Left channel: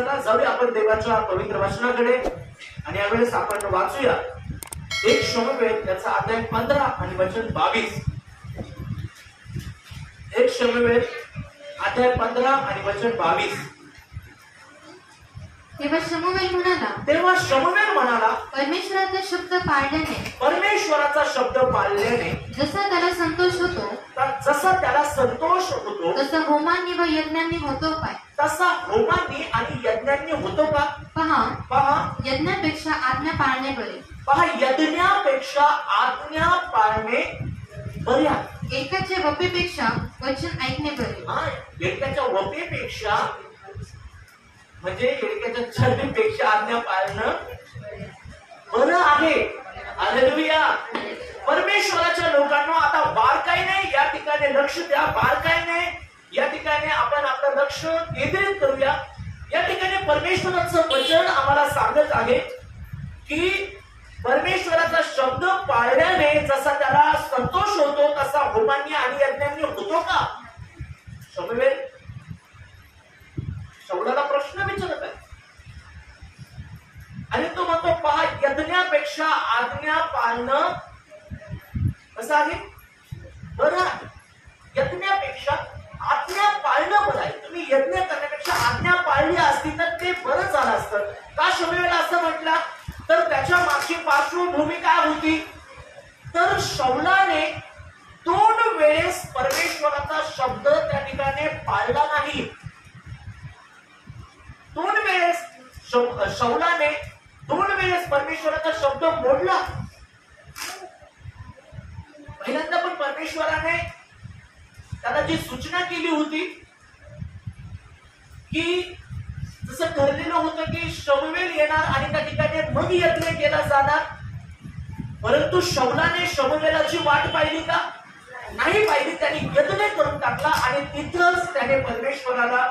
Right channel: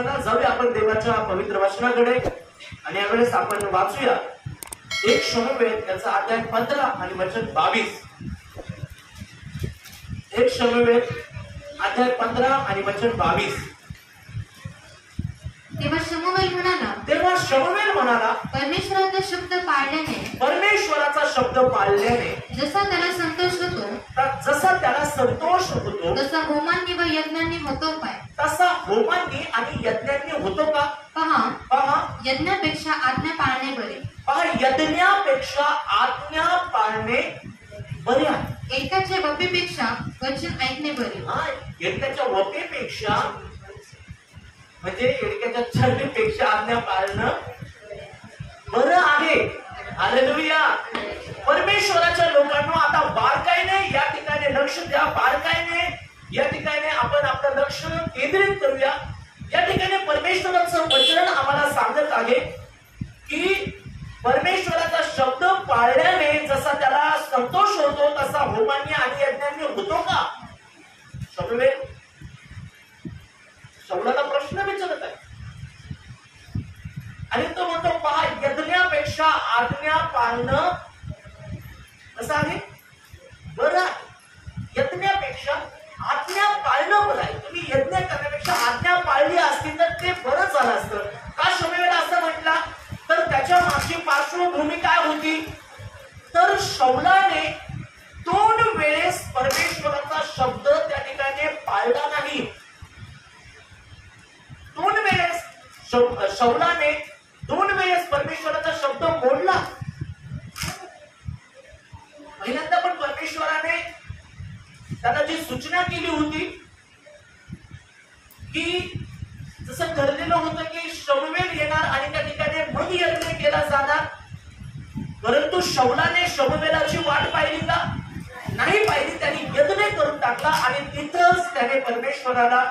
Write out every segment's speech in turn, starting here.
चला जाऊया आपण देवाच्या पवित्र वचनाकडे आणि यावेळेस आपण वाचूया एक शमूएल याचा अध्याय 15 आणि वचन 22. एक शमूएल अध्याय 15 आणि वचन 22. तेव्हा शमूएल म्हणाला परमेश्वराचा शब्द पाळल्याने जसा त्याला संतोष होतो तसा होमांनी व यज्ञांनी होतो काय? तसा होमांनी आणि यज्ञांनी होतो का? पहा यज्ञापेक्षा आज्ञा पाळणे बरे. पहा यज्ञापेक्षा आज्ञा पाळणे बरे आहे. एकाच्या वपीपेक्षा वचन ऐकणे बरे. एकाच्या वपीपेक्षा म्हणजे एकाच्या चरबीपेक्षा आज्ञा पाळणं बरं आहे. हालेलुया. परमेश्वराच्या लोकांना आता बारकाईने या ठिकाणी लक्ष द्या. बारकाईने या ठिकाणी आपण आपलं लक्ष केंद्रित करूया. या ठिकाणी परमेश्वराचं वचन आम्हाला सांगत आहे की परमेश्वराचा शब्द पाळल्याने जसा त्याला संतोष होतो तसा होमांनी आणि यज्ञांनी होतो का? शमूएल शाऊलाला प्रश्न विचारत आहे आणि तो म्हणतो पहा यज्ञापेक्षा आज्ञा पाळणं कसं आहे? बरं आहे. यज्ञापेक्षा आज्ञा पाळणं बरं आहे. तुम्ही यज्ञ करण्यापेक्षा आज्ञा पाळली असती तर ते बरं झालं असतं. का शमूएल असं म्हटला? तर त्याच्या मागची पार्श्वभूमी काय होती? तर शाऊलाने 2 वेळेस परमेश्वराचा शब्द त्या ठिकाणी पाळला नाही. 2 वेळेस शाऊलाने 2 वेळेस परमेश्वराचा शब्द मोडला. पहिल्यांदा पण परमेश्वराने त्याला जी सूचना केली होती की जसं ठरलेलं होतं की शमूएल येणार आणि त्या ठिकाणी मग यज्ञ केला जाणार. परंतु शाऊलाने शमूएलाची वाट पाहिली का? नाही पाहिली. त्याने यज्ञ करून टाकला आणि तिथंच त्याने परमेश्वराला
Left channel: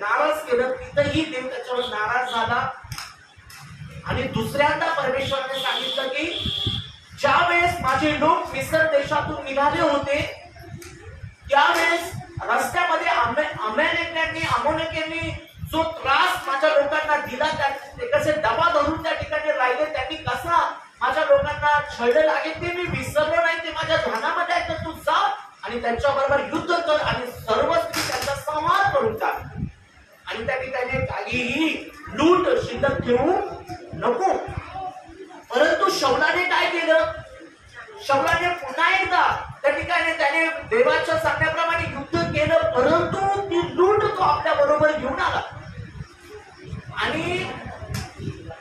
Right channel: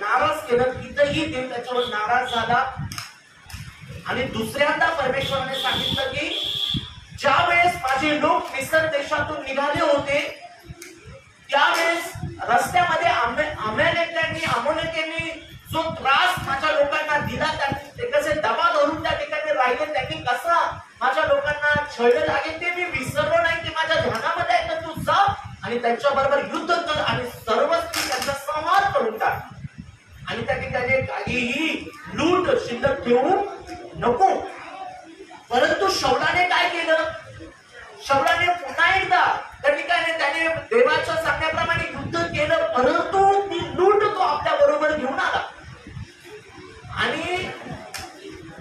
नाराज केलं. तिथंही देव त्याच्यावर नाराज झाला. आणि दुसऱ्यांदा परमेश्वराने सांगितलं की ज्या वेळेस माझे लोक मिस्र देशातून निघाले होते त्यावेळेस रस्त्यामध्ये अमोनियांनी जो त्रास माझ्या लोकांना दिला, ते कसे दबा धरून त्या ठिकाणी राहिले, त्यांनी कसा माझ्या लोकांना छळले लागेल ते मी विसरलो नाही. ते माझ्या ध्यानामध्ये आहे. तर तू जा आणि त्यांच्या बरोबर युद्ध कर आणि सर्वस्वी त्यांचा संहार करून टाक आणि त्या ठिकाणी काहीही लूट शिल्लक ठेवू नको. परंतु शाऊलाने काय केलं? शाऊलाने पुन्हा एकदा त्या ठिकाणी त्याने देवाच्या सांगण्याप्रमाणे युद्ध केलं. परंतु ती लूट तो आपल्या बरोबर घेऊन आला. आणि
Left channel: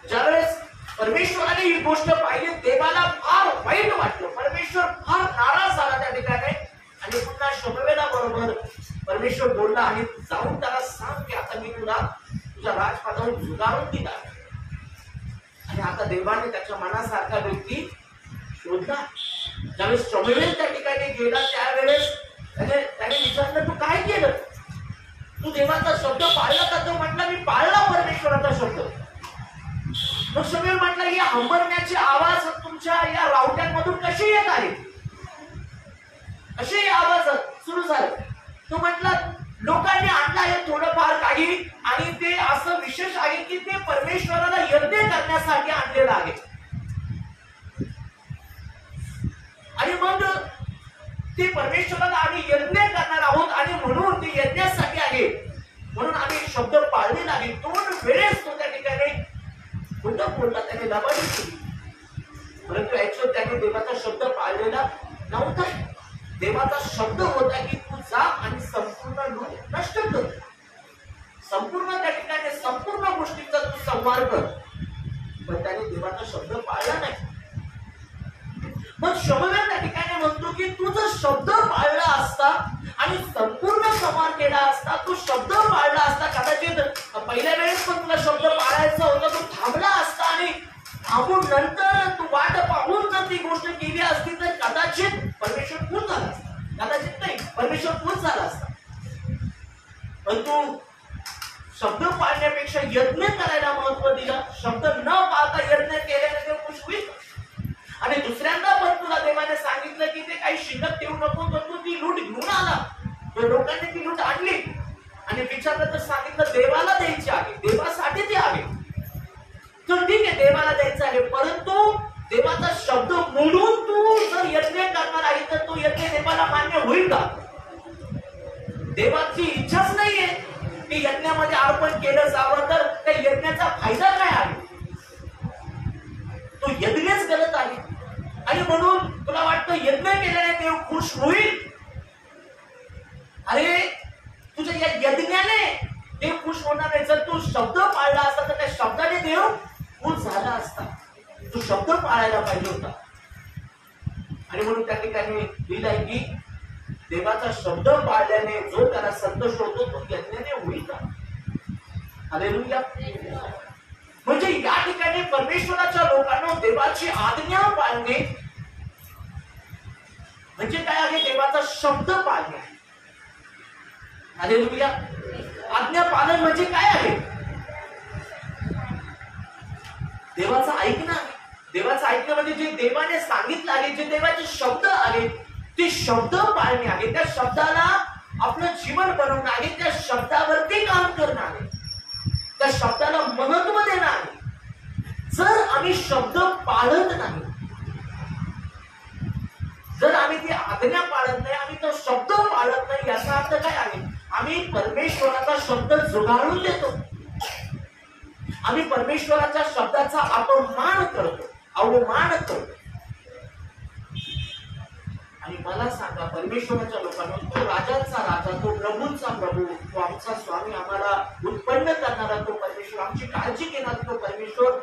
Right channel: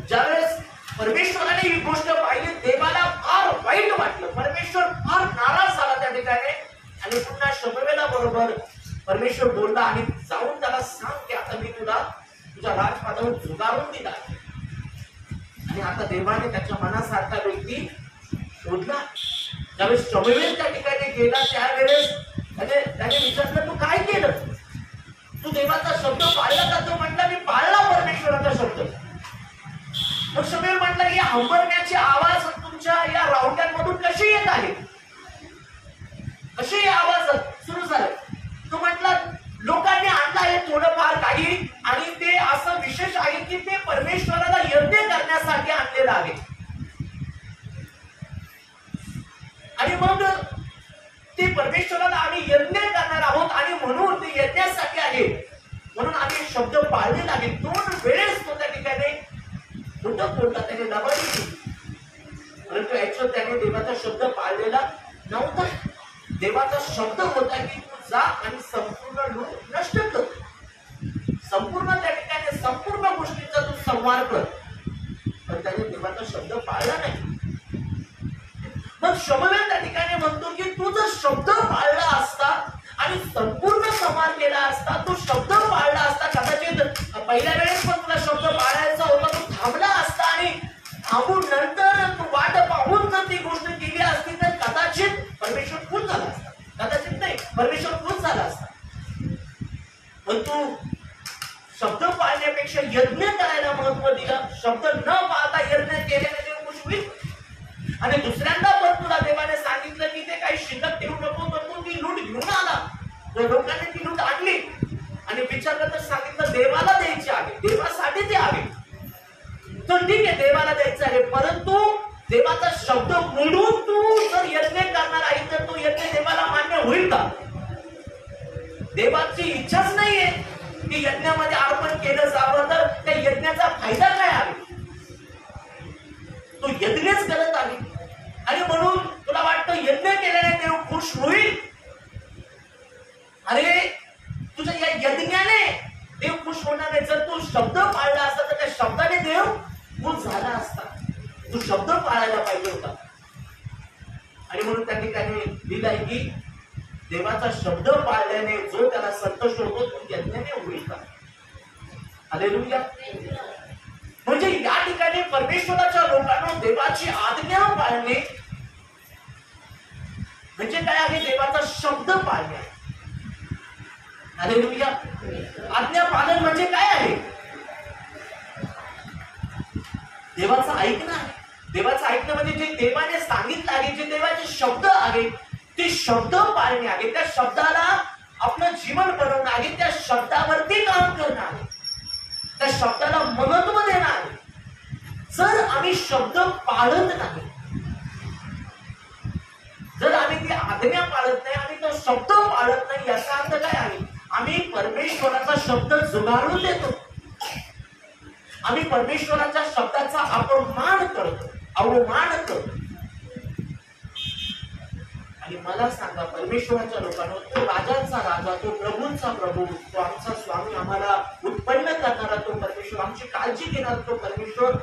ज्यावेळेस परमेश्वराने ही गोष्ट पाहिली देवाला फार वाईट वाटलं. परमेश्वर फार नाराज झाला त्या ठिकाणी. आणि पुन्हा शमूएला बरोबर परमेश्वर बोलला आणि जाऊन त्याला सांग की आता मी तुला तुझ्या राजपादावर झुगारून दिला आणि आता देवाने त्याच्या मनासारखा व्यक्ती शोधला. ज्यावेळेस शमूएल त्या ठिकाणी गेला त्यावेळेस त्याने विचारलं तू काय केलं? तू देवाचा शब्द पाळला का? तो म्हटला मी पाळला परमेश्वराचा शब्द. मग शमूएल म्हटला या हंबरण्याचे आवाज तुमच्या या रावट्यांमधून कसे येत आहे? कसे आवाज सुरू झाले? तो म्हटला लोकांनी आणला आहे थोडंफार काही आणि ते असं विशेष आहे की ते परमेश्वराला यज्ञ करण्यासाठी आणलेलं आहे. आणि मग ते परमेश्वराला आम्ही यज्ञ करणार आहोत आणि म्हणून ते यज्ञासाठी आहे म्हणून आम्ही शब्द पाळलेला आहे. 2 वेळेस तो त्या ठिकाणी खोटं बोलला. त्याने लबाडी केली. परंतु ऍक्च्युअल त्याने देवाचा शब्द पाळलेला नव्हता. देवाचा शब्द होता की तू जा आणि संपूर्ण लूट नष्ट कर. संपूर्ण त्या ठिकाणी संपूर्ण गोष्टींचा तू संहार कर. पण त्याने देवाचा शब्द पाळला नाही. मग शमूएल त्या ठिकाणी म्हणतो की तू जर शब्द पाळला असता आणि संपूर्ण संहार केला असता, तू शब्द पाळला असता, कदाचित पहिल्या वेळेस पण तुला शब्द पाळायचा होता, तू थांबला असता आणि थांबून नंतर तू वाट पाहून जर ती गोष्ट केली असती तर कदाचित परमेश्वर खुश झाला असता. कदाचित नाही, परमेश्वर खुश झाला असता. पण तू शब्द पाळण्यापेक्षा यज्ञ करायला महत्व दिलं. शब्द न पाळता यज्ञ केल्याने ते खुश होईल. आणि दुसऱ्यांदा पण तुला देवाने सांगितलं की ते काही शिल्लक ठेवू नको, तर तू ती लूट घेऊन आला. तर लोकांनी ती लूट आणली आणि विचारलं तर सांगितलं देवाला द्यायचे आहे, देवासाठी ते आहे. तर ठीक आहे, देवाला द्यायचं आहे, परंतु देवाचा शब्द मोडून तू जर यज्ञ करणार आहे तर तो यज्ञ देवाला मान्य होईल का? देवाची इच्छाच नाहीये की यज्ञामध्ये अर्पण केलं जावं, तर त्या यज्ञाचा फायदा काय आहे? तो यज्ञच करत आहे आणि म्हणून तुला वाटतं यज्ञ केल्याने देव खुश होईल? अरे तुझ्या या यज्ञाने देव खुश होणार नाही. जर तू शब्द पाळला असता तर त्या शब्दाने देव खुश झाला असता. तू शब्द पाळायला पाहिजे होता. आणि म्हणून त्या ठिकाणी लिहिलंय की देवाचा शब्द पाळल्याने जो त्याला संतोष होतो तो यज्ञाने होईल का? हालेलुया. म्हणजे या ठिकाणी परमेश्वराच्या लोकांना देवाची आज्ञा पाळणे म्हणजे काय आहे? देवाचा शब्द पाळणे. हालेलुया. आज्ञा पालन म्हणजे काय आहे? देवाचं ऐकणं आहे. देवाचं ऐकणं म्हणजे जे देवाने सांगितलं आहे, जे देवाचे शब्द आहेत ते शब्द पाळणे आहे. त्या शब्दाला आपलं जीवन बनवणं आहे. त्या शब्दावरती काम करणं आहे. त्या शब्दाला महत्व देणं आहे. जर आम्ही शब्द पाळत नाही, जर आम्ही ती आज्ञा पाळत नाही, आम्ही तो शब्द पाळत नाही, याचा अर्थ काय आहे? आम्ही परमेश्वराचा शब्द जुगारून देतो. आम्ही परमेश्वराच्या शब्दाचा अपमान करतो, अवमान करतो. आणि मला सांगा, परमेश्वराच्या लोकांना तो राजांचा राजा, तो प्रभूंचा प्रभू, तो आमचा स्वामी, आम्हाला उत्पन्न करणारा तो परमेश्वर, आमची काळजी घेणारा तो परमेश्वर,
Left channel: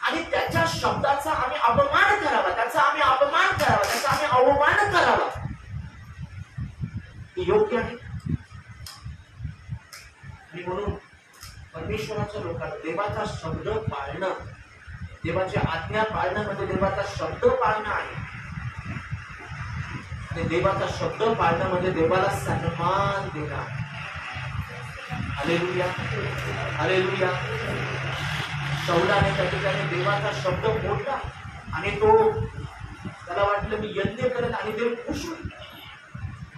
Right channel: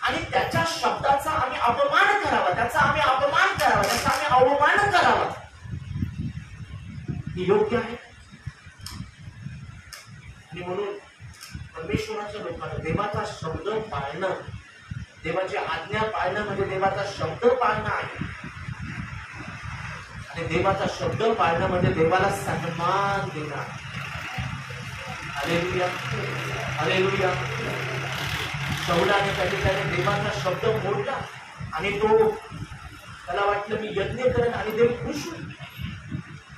आणि त्याच्या शब्दाचा आम्ही अपमान करावा, त्याचा आम्ही अपमान करावा, त्याचा आम्ही अवमान करावा, हे योग्य आहे? आणि म्हणून परमेश्वराच्या लोकांना देवाचा शब्द पाळणं, देवाची आज्ञा पाळणं म्हणजे देवाचा शब्द पाळणं आहे. आणि देवाचा शब्द पाळणं म्हणजे देवाला सन्मान देणं. हालेलुया. हालेलुया. शौलाने त्या ठिकाणी देवाचा शब्द मोडला आणि तो त्याला वाटलं मी यज्ञ करेन आणि देव खुश होईल.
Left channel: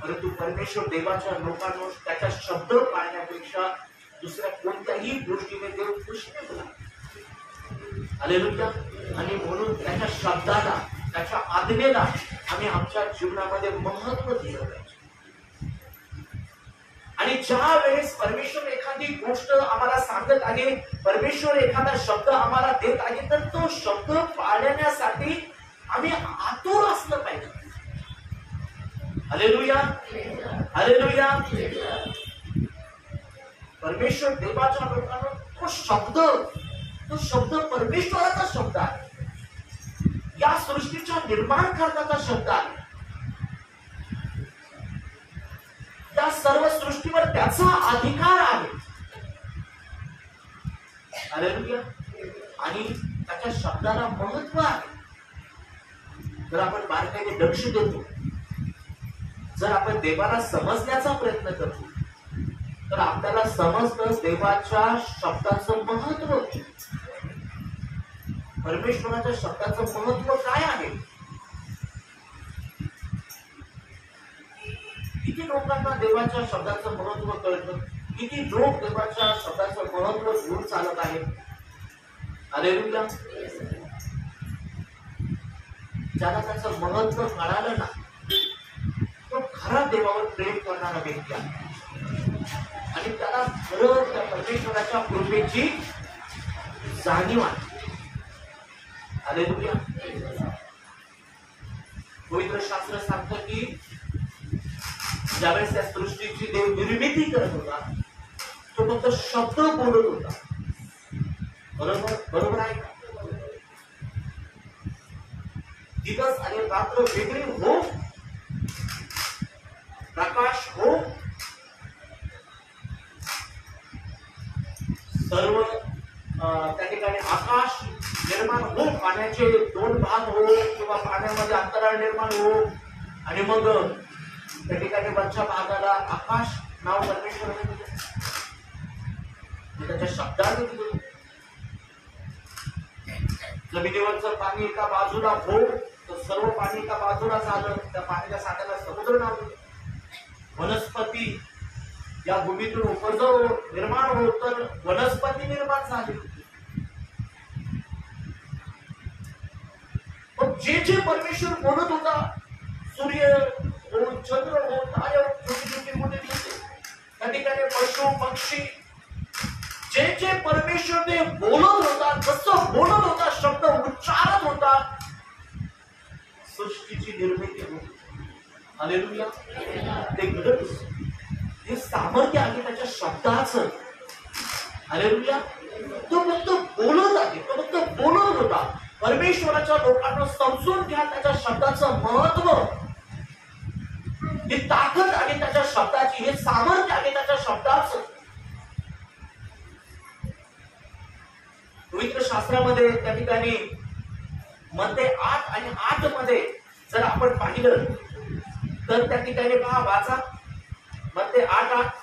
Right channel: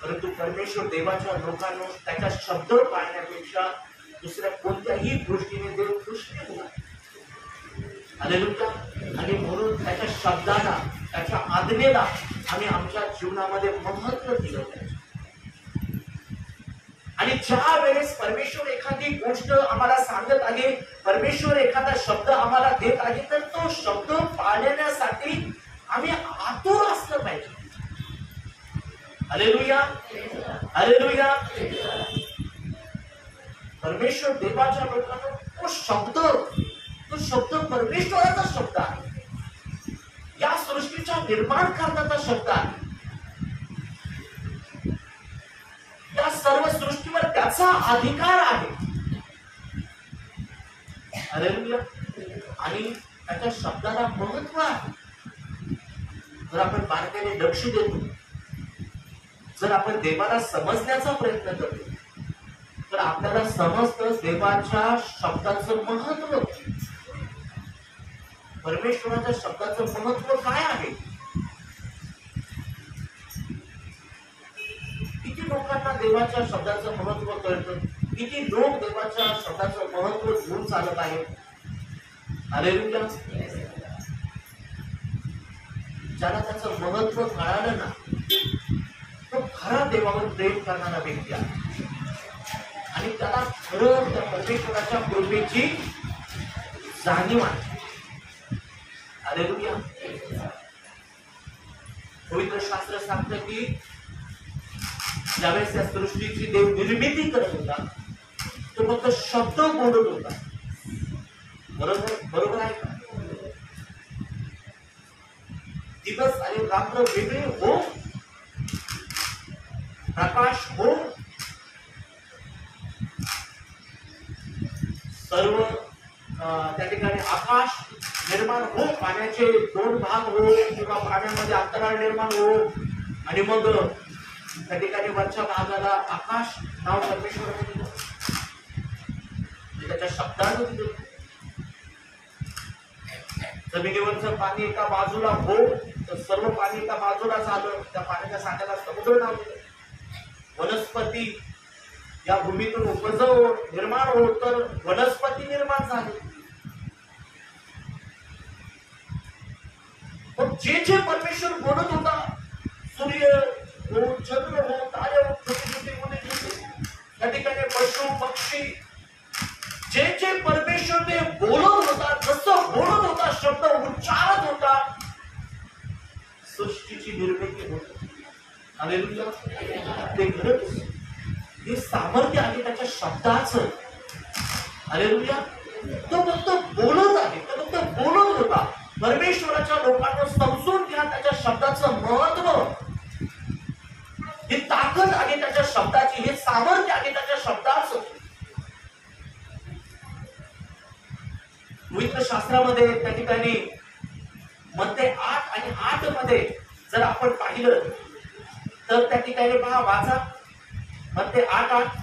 परंतु परमेश्वर देवाच्या लोकांना त्याचा शब्द पाळण्यापेक्षा दुसऱ्या कोणत्याही गोष्टीने देव खुश नाही होणार. हालेलुया. आणि म्हणून त्याच्या शब्दाला, त्याच्या आज्ञेला आम्ही आमच्या जीवनामध्ये महत्व दिलं पाहिजे. आणि ज्या वेळेस परमेश्वर एखादी गोष्ट आम्हाला सांगत आहे, परमेश्वर एखादा शब्द आम्हाला देत आहे, तर तो शब्द पाळण्यासाठी आम्ही आतुर असलं पाहिजे. हालेलुया. हालेलुया. परमेश्वर देवाच्या लोकांना तो शब्द परमेश्वराचा शब्द आहे. या सृष्टीच्या निर्माण करण्याचा शब्द आहे. या सर्व सृष्टीवर त्याचा अधिकार आहे. हालेलुया. आणि त्याच्या शब्दाला महत्व आहे. जर आपण बारकाईने लक्ष देतो, जर आपण देवाला समजण्याचा प्रयत्न करतो, तर आपल्याला समजतं देवाच्या शब्दाचं महत्व, परमेश्वराच्या शब्दाचं महत्व काय आहे. किती लोकांना देवाच्या शब्दाचं महत्व कळतं? किती लोक देवाच्या शब्दाचं महत्व घेऊन चालत आहेत? हालेलुया. ज्याला त्याचं महत्व कळालं ना, तो खरा देवावर प्रेम करणारा व्यक्ती आहे. आणि त्याला खरं त्या परमेश्वराच्या कृपेची जाणीव आहे. हालेलुया. पवित्र शास्त्र सांगतं की ज्यावेळेस त्या सृष्टीची देव निर्मिती करत होता, तो फक्त शब्द बोलत होता. बरोबर आहे का? दिवस आणि रात्र वेगळी हो, प्रकाश हो, सर्व त्या ठिकाणी आकाश निर्माण हो, पाण्याचे दोन भाग हो किंवा पाण्यामध्ये अंतराळ निर्माण हो, आणि मग त्या ठिकाणी वरच्या भागाला आकाश नाव परमेश्वराने दिलं, त्याच्या शब्दाने दिलं. जमिनीवरचं पाणी एका बाजूला हो, तर सर्व पाणी एका बाजूला झालं, त्या पाण्याच्या साठ्याला समुद्र नाव दिलं. वनस्पती या भूमीतून उपजव निर्माण होत तर वनस्पती निर्माण झाली. मग जे जे परमेश्वर बोलत होता, सूर्य हो, चंद्र हो, तारे हो, छोटे छोटे मोठे छोटे त्या ठिकाणी पशु पक्षी, जे जे परमेश्वर ते बोलत होता, जसं बोलत होता, शब्द उच्चारत होता, सृष्टीची निर्मिती होती. हालेलुया. ते घडत होते. हे सामर्थ्य आहे त्याच्या शब्दाचं. हालेलुया. तो फक्त बोलत आहे, तो फक्त बोलत होता. परमेश्वराच्या लोकांना समजून घ्या त्याच्या शब्दाचं महत्व. ही ताकद आहे त्याच्या शब्दाची, हे सामर्थ्य आहे त्याच्या शब्दाचं. पवित्र शास्त्रामध्ये त्या ठिकाणी मध्ये 8 आणि 8 मध्ये जर आपण पाहिलं तर त्या ठिकाणी पहा, वाचा मध्ये 8:8.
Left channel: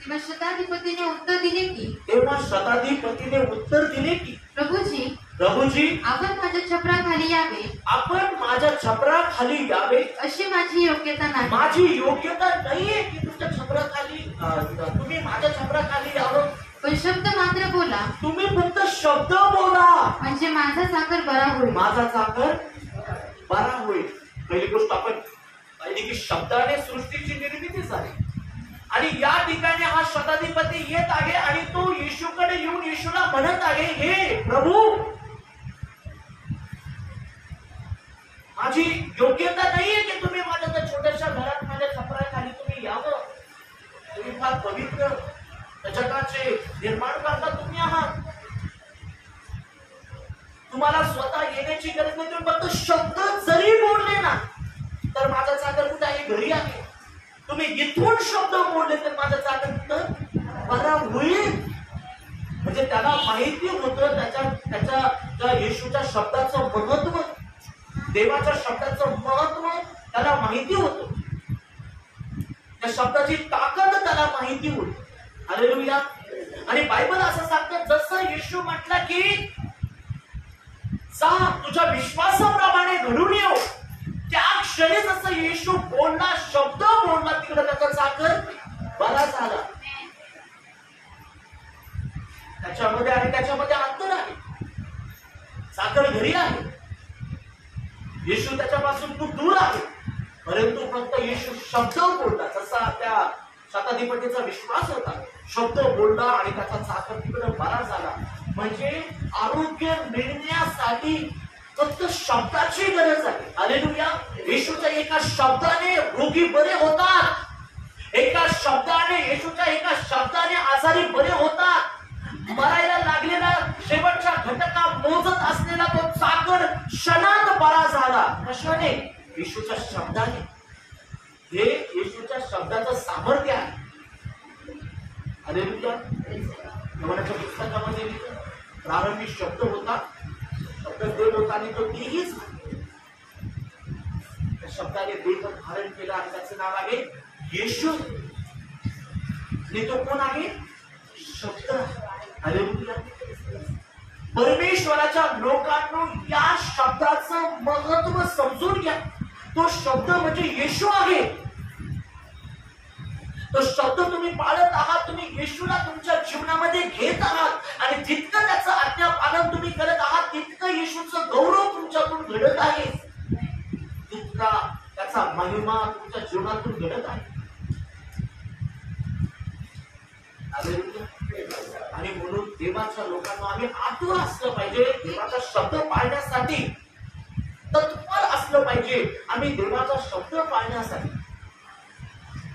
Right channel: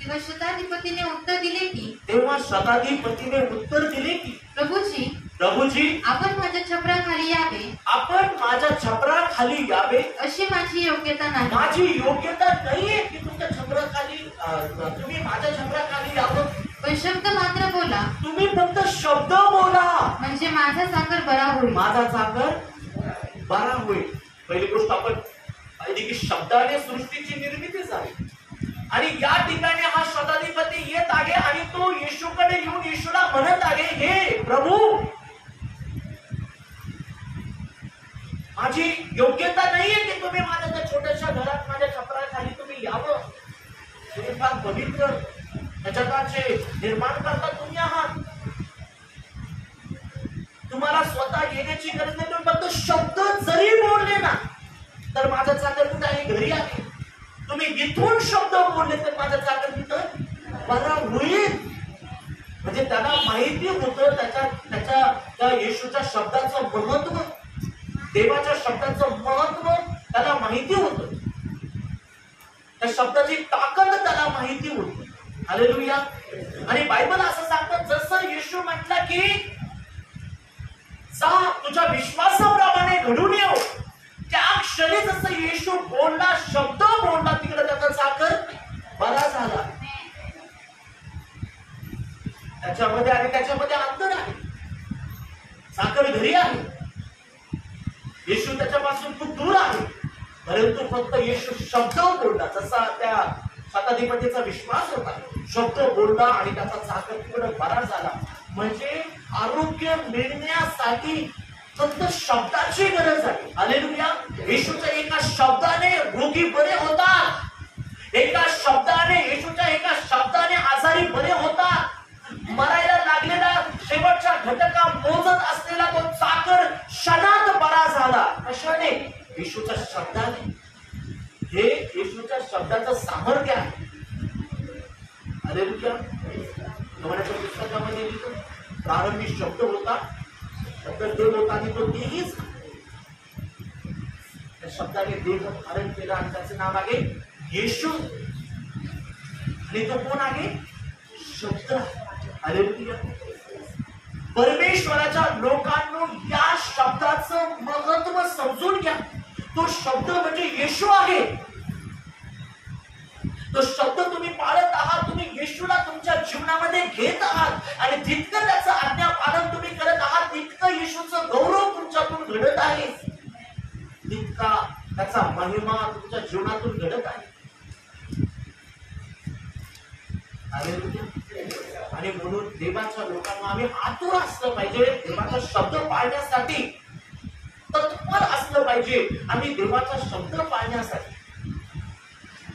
तेव्हा शताधिपतीने उत्तर दिले की तेव्हा शताधिपतीने उत्तर दिले की प्रभूजी आपण माझ्या छपराखाली यावे. आपण माझ्या छपराखाली यावे अशी माझी योग्यता नाही. माझी योग्यता नाहीये की तुमच्या छपराखाली तुम्ही माझ्या छपराखाली यावं. पण शब्द मात्र बोला. तुम्ही फक्त शब्द बोला म्हणजे माझा साखर बरा होईल. माझा साखर बरा होईल. पहिली गोष्ट आपण पाहिली की शब्दाने सृष्टीची निर्मिती झाली. आणि या ठिकाणी हा शताधिपती येत आहे आणि तो येशूकडे येऊन येशूला म्हणत आहे, हे प्रभू, माझी योग्यता नाहीये की तुम्ही माझ्या त्या छोट्याशा घरात माझ्या छपराखाली तुम्ही यावं. तुम्ही फार पवित्र जगाचे निर्माण करता तुम्ही आहात. तुम्हाला स्वतः येण्याची गरज नाही. तुम्ही फक्त शब्द जरी बोलले ना तर माझा चाकर कुठे आहे? घरी आहे. तुम्ही इथून शब्द बोलले तर माझा चाकर कुठं बरा होईल. म्हणजे त्याला माहिती होतं त्याच्या येशूच्या शब्दाचं महत्व, देवाच्या शब्दाचं महत्व त्याला माहिती होतं. त्या शब्दाची ताकद त्याला माहिती होती. हालेलुया. आणि बायबल असं सांगतं, जसं येशू म्हटला की जा तुझ्या विश्वासाप्रमाणे घडून येऊ, त्या क्षणी जसं येशू बोलला, शब्द बोलला, तिकडे त्याचा साखर बरा झाला. त्याच्यामध्ये आणि त्याच्यामध्ये अंतर आहे. साखर घरी आहे, येशू त्याच्यापासून खूप दूर आहे. परंतु फक्त येशू शब्द बोलला, जसा त्या शताधिपतीचा विश्वास होता, शब्द बोलला आणि त्याचा साखर तिकडे बरा झाला. म्हणजे आरोग्य मिळण्यासाठी फक्त शब्दाची गरज आहे. हालेलुया. येशूच्या एका शब्दाने रोगी बरे होतात. एका शब्दाने, येशूच्या एका शब्दाने आजारी बरे होतात. मरायला लागलेला शेवटच्या घटका मोजत असलेला तो चाकर क्षणात बरा झाला. कशाने? येशूच्या शब्दाने. हे येशूच्या शब्दाचं सामर्थ्य आहे. हालेलुया. योहानाच्या पुस्तकामध्ये लिहितो, प्रारंभी शब्द होता, शब्द देव होता आणि तो देहीच. त्या शब्दाने देह धारण केला आणि त्याचं नाव आहे येशू. आणि तो कोण आहे? शब्द. हालेलुया. परमेश्वराच्या लोकांनो, या शब्दाचं महत्व समजून घ्या. तो शब्द म्हणजे येशू आहे. तो शब्द तुम्ही पाळत आहात, तुम्ही येशूला तुमच्या जीवनामध्ये घेत आहात आणि जितकं त्याचं आज्ञापालन तुम्ही करत आहात तितकं येशूचं गौरव तुमच्यातून घडत आहे, तितका त्याचा महिमा तुमच्या जीवनातून घडत आहे. आणि म्हणून देवाच्या लोकांना आम्ही आतुर असलं पाहिजे, देवाचा शब्द पाळण्यासाठी तत्पर असलं पाहिजे. आम्ही देवाचा शब्द पाळण्यासाठी.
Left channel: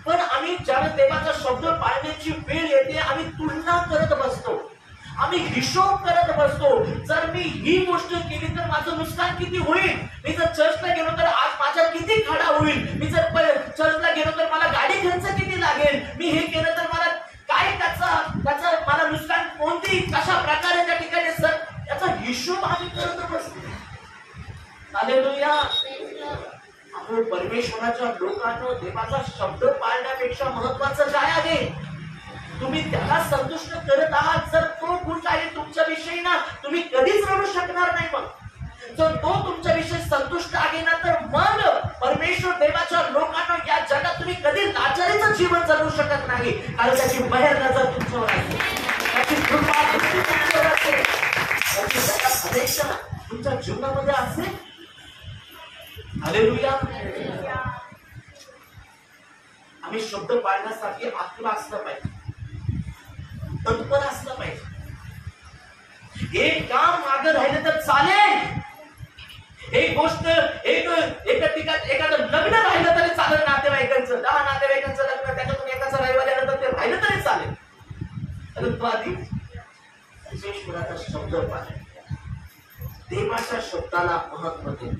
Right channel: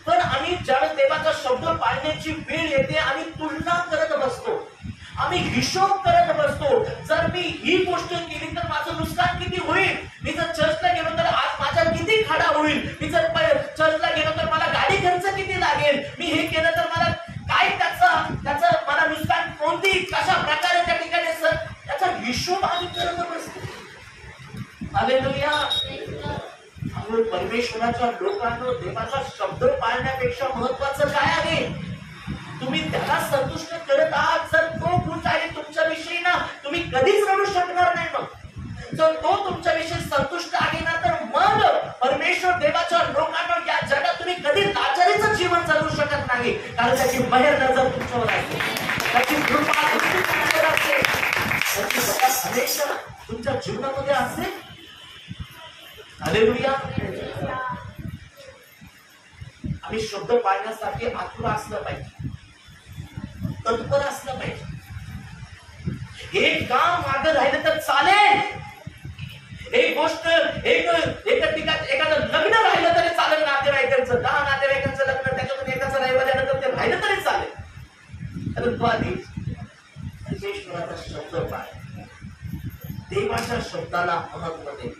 पण आम्ही ज्यावेळेस देवाचा शब्द पाळण्याची वेळ येते, आम्ही तुलना करत बसतो, आम्ही हिशोब करत बसतो. जर मी ही गोष्ट केली तर माझं नुकसान किती होईल? मी जर चर्चला गेलो तर आज माझा किती खाडा होईल? मी जर चर्चला गेलो तर मला गाडी खर्च किती लागेल? मी हे केलं तर मला काय त्याचं मला नुकसान कोणती कशा प्रकारे त्या ठिकाणी सर याचा हिशोब आम्ही करत बसतो. हालेलुया. अहो, परमेश्वराच्या लोकांना देवाचा शब्द पाळण्यापेक्षा महत्वाचं काय आहे? तुम्ही त्याला संतुष्ट करत आहात. जर तो खुश आहे तुमच्याविषयी ना, तुम्ही कधीच रडू शकणार नाही. मग जर तो तुमच्याविषयी संतुष्ट आहे ना, तर मग परमेश्वर देवाच्या लोकांना कधी लाचारीचं जीवन जगू शकत नाही, कारण त्याची मेहर नजर तुमच्यावर असते, त्याची कृपा तुमच्यावर असते, त्याची दया हमेशा तुमच्या जीवनामध्ये असते. हालेलुया. आम्ही शब्द पाळण्यासाठी आतुर असलं पाहिजे, तत्पर असलं पाहिजे. एक काम मागे राहिलं तर चालेल, एक गोष्ट एका ठिकाणी एखादं लग्न राहिलं तरी चालेल, नातेवाईकांचं 10 नातेवाईकांचं लग्न त्याच्यातून एकाचं राहिलं झालं ते राहिलं तरी चालेल, परंतु आधी परमेश्वराचा शब्द पाळा, देवाच्या शब्दाला महत्व दे.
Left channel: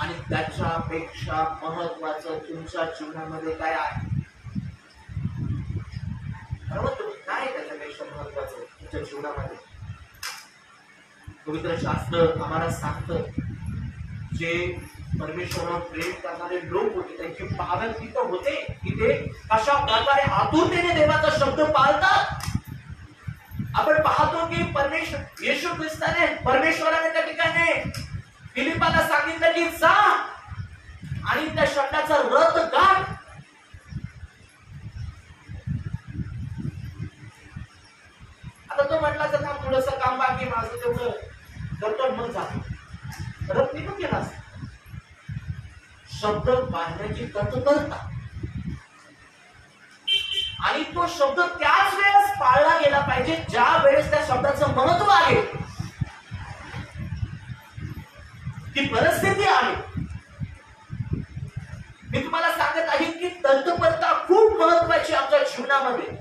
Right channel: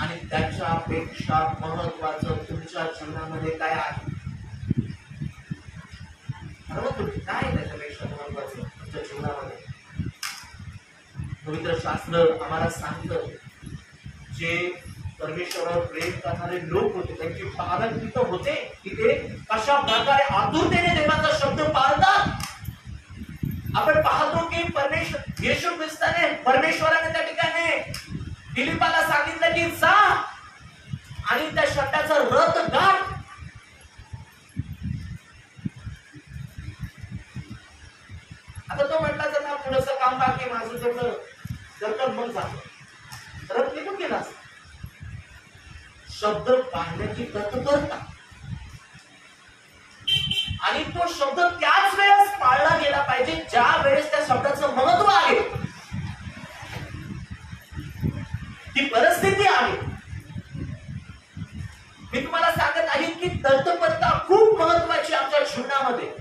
आणि त्याच्यापेक्षा महत्वाचं तुमच्या जीवनामध्ये काय आहे? काय त्याच्यापेक्षा महत्वाचं तुमच्या जीवनामध्ये? पवित्र शास्त्र आम्हाला सांगतं, जे परमेश्वरावर प्रेम करणारे लोक होते त्यांची पालन तिथं होते की ते कशा प्रकारे आतुरतेने देवाचा शब्द पाळतात. आपण पाहतो की परमेश्वर येशू ख्रिस्ताने परमेश्वराने त्या ठिकाणी फिलिपाला सांगितलं की जा आणि त्या शब्दाचा रथ गाठ. आता तो म्हटला का थोडस काम बाकी माझं तेवढं जर मग जातो, रथ निघून गेला. शब्द पाळण्याची तत्परता आणि तो शब्द त्याच वेळेस पाळला गेला पाहिजे ज्या वेळेस त्या शब्दाचं महत्व आहे, ती परिस्थिती आहे. मी तुम्हाला सांगत आहे की तत्परता खूप महत्वाची आमच्या जीवनामध्ये.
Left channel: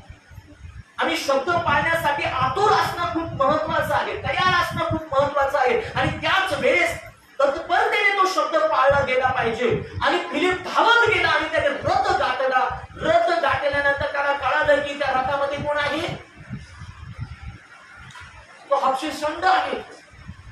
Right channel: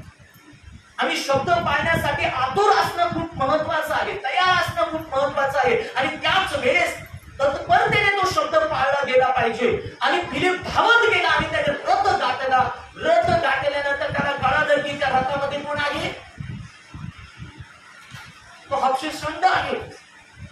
आम्ही शब्द पाळण्यासाठी आतुर असणं खूप महत्वाचं आहे, तयार असणं खूप महत्वाचं आहे. आणि त्याच वेळेस तत्परतेने तो शब्द पाळला गेला पाहिजे. आणि फिलिप धावत गेला आणि त्याने रथ गाठला. रथ गाठल्यानंतर त्याला कळालं की त्या रथामध्ये कोण आहे? तो हबशीषंड आहे.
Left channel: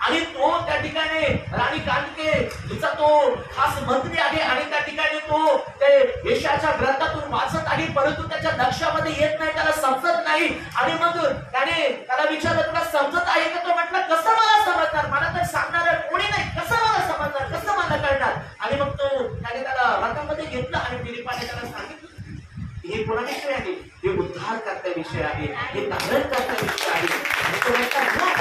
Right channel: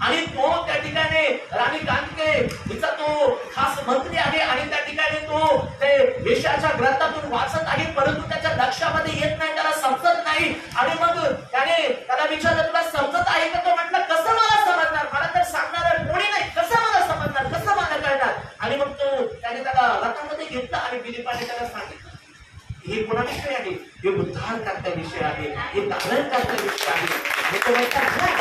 आणि तो त्या ठिकाणी राणी कांतिके हिचा तो खास मंत्री आहे आणि त्या ठिकाणी तो ते यशाच्या ग्रंथातून वाचत आहे, परंतु त्याच्या लक्षामध्ये येत नाही, त्याला समजत नाही. आणि मग त्याला विचारलं तुला समजत आहे का? तो म्हटलं कसं मला समजणार, मला तर सांगणार कोणी नाही, कसं मला समजणार, कसं मला कळणार? आणि मग त्याने त्याला रथामध्ये घेतलं आणि फिलिपाने त्याला सांगितलं हे कोणाविषयी आहे? हे उद्धार करण्याविषयी आहे, हे धारण करण्याविषयी आहे. आणि तो म्हटला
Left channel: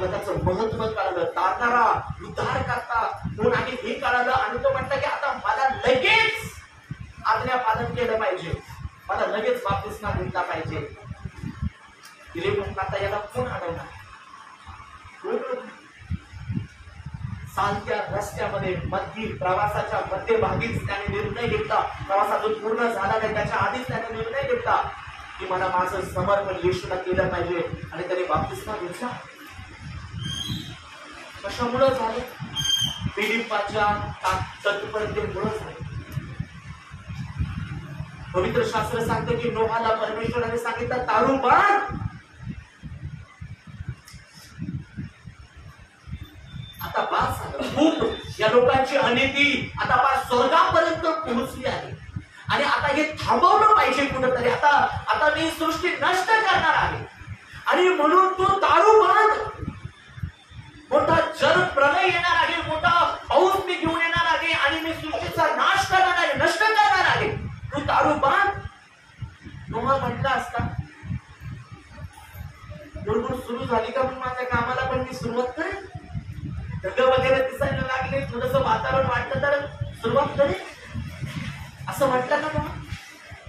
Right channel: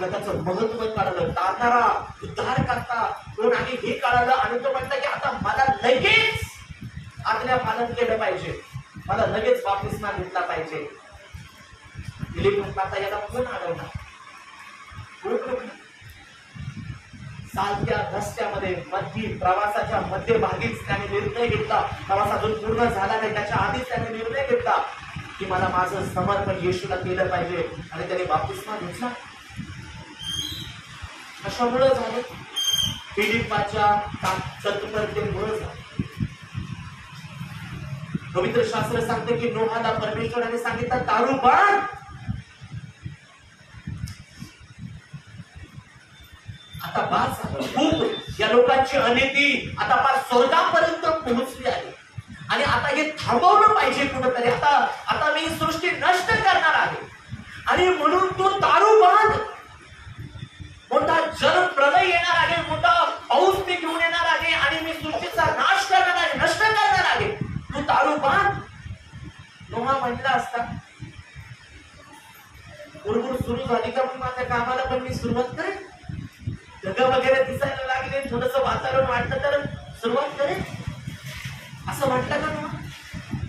त्याचं महत्व कळलं, तारणारा उद्धार करता कोण आहे हे कळलं. आणि तो म्हटलं की आता मला लगेच आज्ञा पालन केलं पाहिजे, मला लगेच बाप्तिस्मा घेतला पाहिजे. फिलिप म्हटला आता याला कोण अडवणार? चालत्या रस्त्यामध्ये प्रवासाच्या मध्यभागीच त्याने निर्णय घेतला. प्रवास अजून पूर्ण झाला नाही त्याच्या आधीच त्याने निर्णय घेतला की मला माझं समर्पण येशूला केलं पाहिजे. आणि त्याने बाप्तिस्मा घेतला. कशामुळे झालं? फिलिपाच्या तत्परतेमुळे झालं. पवित्र शास्त्र सांगते की नोहाला परमेश्वराने सांगितलं तारू बांध. आता बास झालं. खूप या लोकांची अनिती आता फार स्वर्गापर्यंत पोहोचली आहे आणि आता हे थांबवलं पाहिजे कुठेतरी. आता मी सृष्टी नष्ट करणार आहे आणि म्हणून तो तारू बांध. मोठा जल प्रलय येणार आहे, मोठा पाऊस मी घेऊन येणार आहे आणि मी सृष्टीचा नाश करणार आहे, नष्ट करणार आहे. तू तारू बांध. नोहा म्हटला असता बुडबुड सुरू झाली का मग माझ्या कामाला पण मी सुरुवात करेन, ढग वगैरे दिसायला लागले, थोडस वातावरण वाटलं तर सुरुवात करेन, असं म्हटलं का नोहा?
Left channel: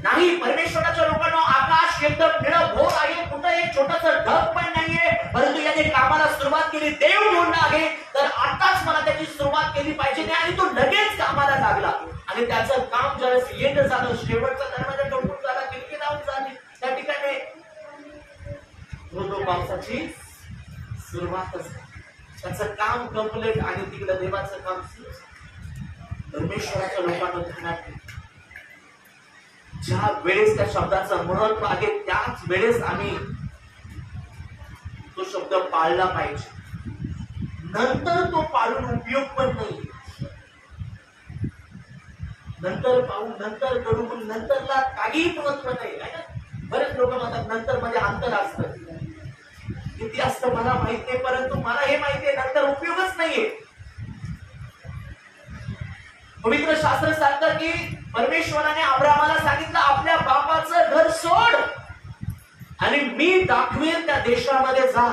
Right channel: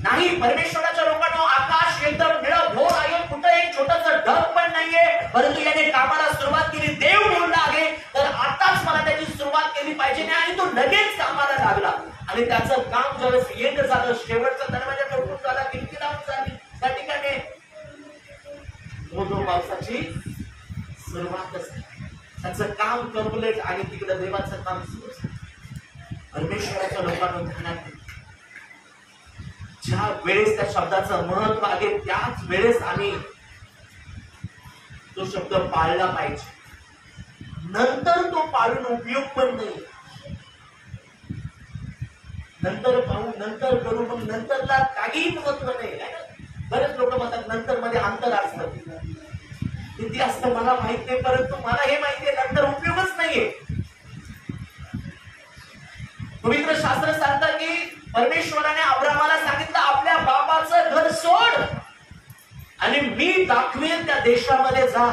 नाही. परमेश्वराच्या लोकांना आकाश एकदम निळभोर आहे, कुठं एक छोटस ढग पण नाहीये, परंतु याने कामाला सुरुवात केली. देव बोलला आहे तर आताच मला त्याची सुरुवात केली पाहिजे. आणि तो लगेच कामाला लागला आणि त्याचं काम ज्यावेळेस येत झालं, शेवटचा दरवाजा टोकून झाला, खिडकी लावून झाली, त्या ठिकाणी धो पावसाची सुरुवातच झाली. त्याचं काम कंप्लीट आणि तिकडे देवाचं काम सुरू झालं. परमेश्वराच्या लोकांना ध्यानात ज्या वेळेस त्या शब्दाचं महत्व आहे त्याच वेळेस आम्ही तो शब्द पाळला पाहिजे. नंतर तो पाळून उपयोग पण नाही. नंतर पाहू, नंतर करू, पण नंतरला काहीही महत्व नाही. बरेच लोक म्हणतात नंतर मध्ये अंतर असतं. किती असतं मला माहित नाही, परंतु मला हे माहिती आहे नंतर उपयोगच नाहीये. पवित्र शास्त्र सांगतं की परमेश्वराने अब्रामाला सांगितलं आपल्या बापाचं घर सोड आणि मी दाखवेल त्या देशामध्ये जा,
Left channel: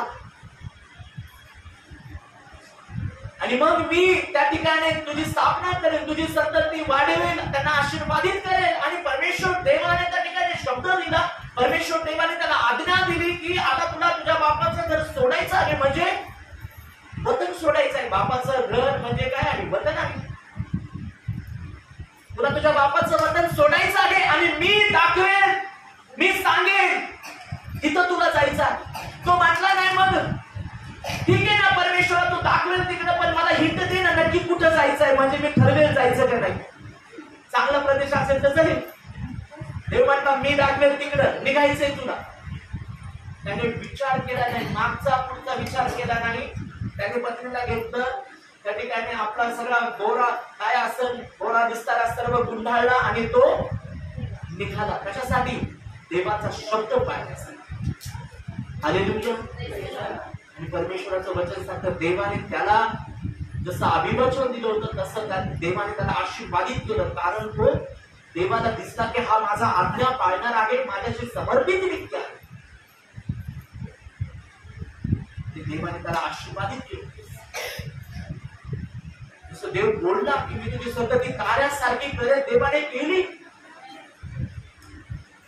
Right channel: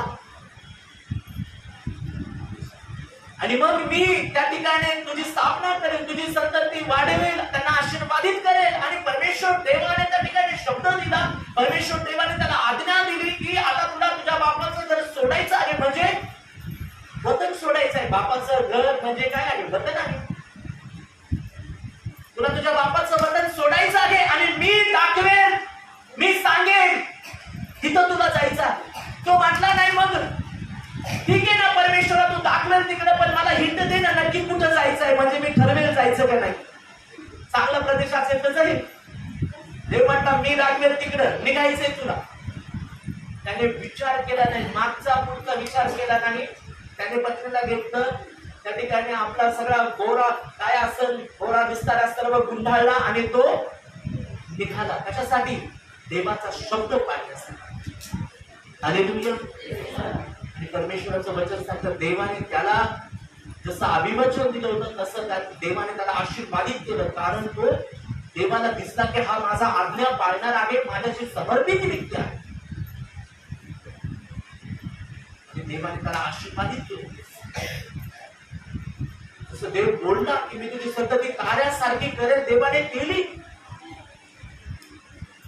आणि मग मी त्या ठिकाणी तुझी स्थापना करेन, तुझी संतती वाढवेल, त्यांना आशीर्वादित करेल. आणि परमेश्वर देवाने त्या ठिकाणी शब्द दिला, परमेश्वर देवाने त्याला आज्ञा दिली की आता तुला तुझ्या बापाचं घर सोडायचं आहे, म्हणजे वतन सोडायचं आहे. बापाचं घर म्हणजे काय आहे? वतन आहे. तुला तुझ्या बापाचं वतन सोडायचं आहे आणि मी दाखवेल, मी सांगेन तिथं तुला जायचं. तो म्हटला नाही मग ठीक आहे ना परमेश्वरा, तू दाखवेल तिकडे, पण मला हिंट दे ना नक्की कुठं जायचं आहे, म्हणजे मी ठरवेल जायचं का नाही. चांगला प्रदेश असेल तर जाईल. देव म्हटला मी दाखवेल तिकडं, निघायचंय तुला. त्याने विचार केला नाही, मागचा पुढचा विचार केला नाही. त्याने पत्नीला घेतलं, त्या ठिकाणी आपला सगळा गोरा काय असेल, गोरा विस्तार सर्व गुंडाळला आणि तो निघाला. कशासाठी? देवाचा शब्द पाळण्यासाठी. हालेलुया. आणि परमेश्वराचं वचन सांगतं देवाने त्याला जसं अभिवचन दिलं होतं तसं देवाने त्याला आशीर्वादित केलं, कारण तो देवाला दिसला की हा माझा आज्ञा पाळणार आहे, माझ्याशी समर्पित व्यक्ती आहे. देवाने त्याला आशीर्वादित केलं. जसं देव बोलला की मी तुझी संतती ताऱ्यासारखी करेल, देवाने केली.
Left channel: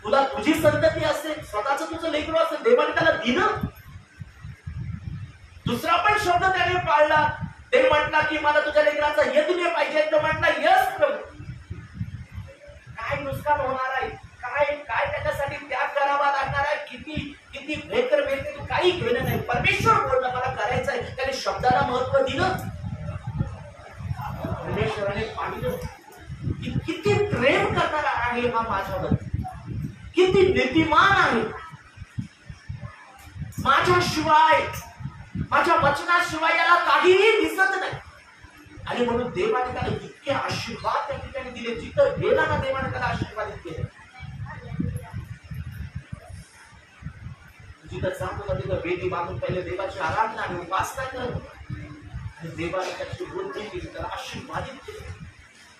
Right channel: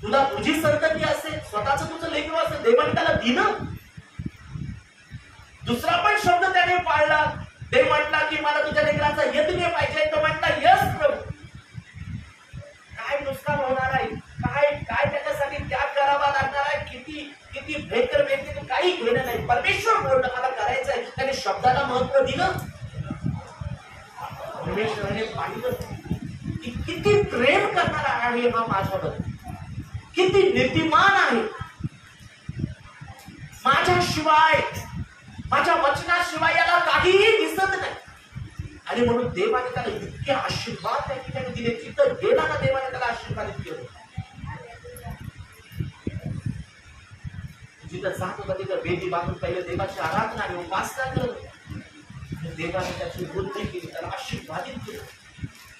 तुला तुझी संतती असेल, स्वतःच तुझं लेकरू असेल, देवाने त्याला दिलं. दुसरा पण शब्द त्याने पाळला. देव म्हटला की मला तुझ्या लेकरांचा यज्ञ पाहिजे. तो म्हटला यस प्रभू. काय नुकसान होणार आहे, काय काय त्याच्यासाठी त्याग करावा लागणार आहे, किती किती भयंकर व्यक्ती, तू काही घेणं नाही. परमेश्वर बोललं मला करायचं आहे, त्याने शब्दाला महत्व दिलं. परमेश्वराने पाहिलं की किती प्रेम करणारा आहे हा माझ्यावर, किती नीतिमान आहे. माझ्याशिवाय, माझ्या वचनाशिवाय याला काहीही दिसत नाही. आणि म्हणून देवाने त्याला इतके आशीर्वाद त्या ठिकाणी दिले. जिथं गेला ना देवाने त्याला आशीर्वादित केलं. जिथं जात होता तिथं वेदी बांधून पहिले देवाची आराधना आणि उपासना करत. देवाने त्याची वृद्धी केली, त्याला आशीर्वादित केलं.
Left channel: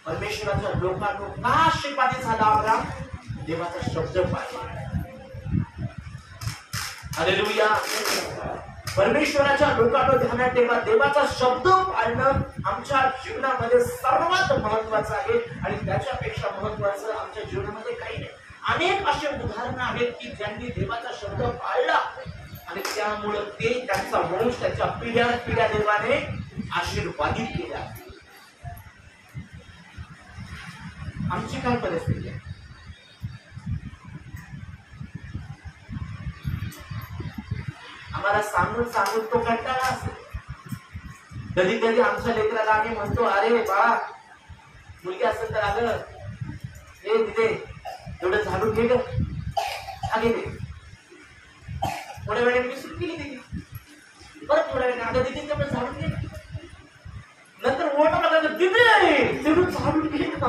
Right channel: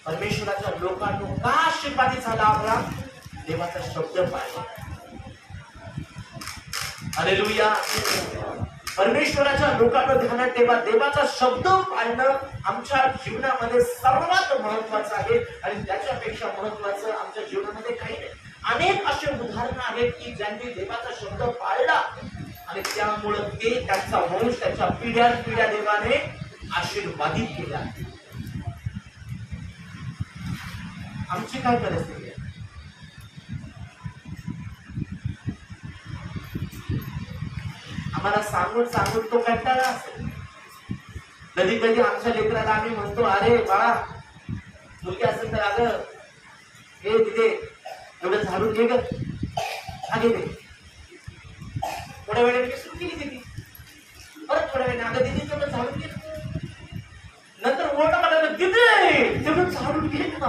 परमेश्वराच्या लोकांना का आशीर्वादित झाला अब्राम? देवाचा शब्द पाळला. हालेलुया. परमेश्वराच्या लोकांना ध्यानात ठेवा, देवाचा शब्द पाळणं आमच्या जीवनामध्ये सर्वात महत्वाचं आहे. आणि त्याच्यापेक्षा महत्वाचं आमच्या जीवनामध्ये काही नाही. अनेक असे उदाहरणं आहेत की ज्यांनी देवाचा शब्द पाळला आणि त्यामुळं ते त्यांचा वंश, त्याच्या पिढ्या पिढ्या देवाने आशीर्वादित केल्या. आमची काय परिस्थिती आहे? आम्हाला सांगून सांगून तो कंटाळा असेल. कधी कधी आमच्या लेकराला आम्ही म्हणतो अरे बा, मुलगी असेल तर अगं हे तिथे एवढं झाडून घे ग, आगे दे. थोड्या वेळाने मी सुरू केली तिथे, परत थोड्या वेळाने अगं दिदी तेवढं झाडून घे. नंतर ओरडा लागला दिदी तेवढं झाडून घे का.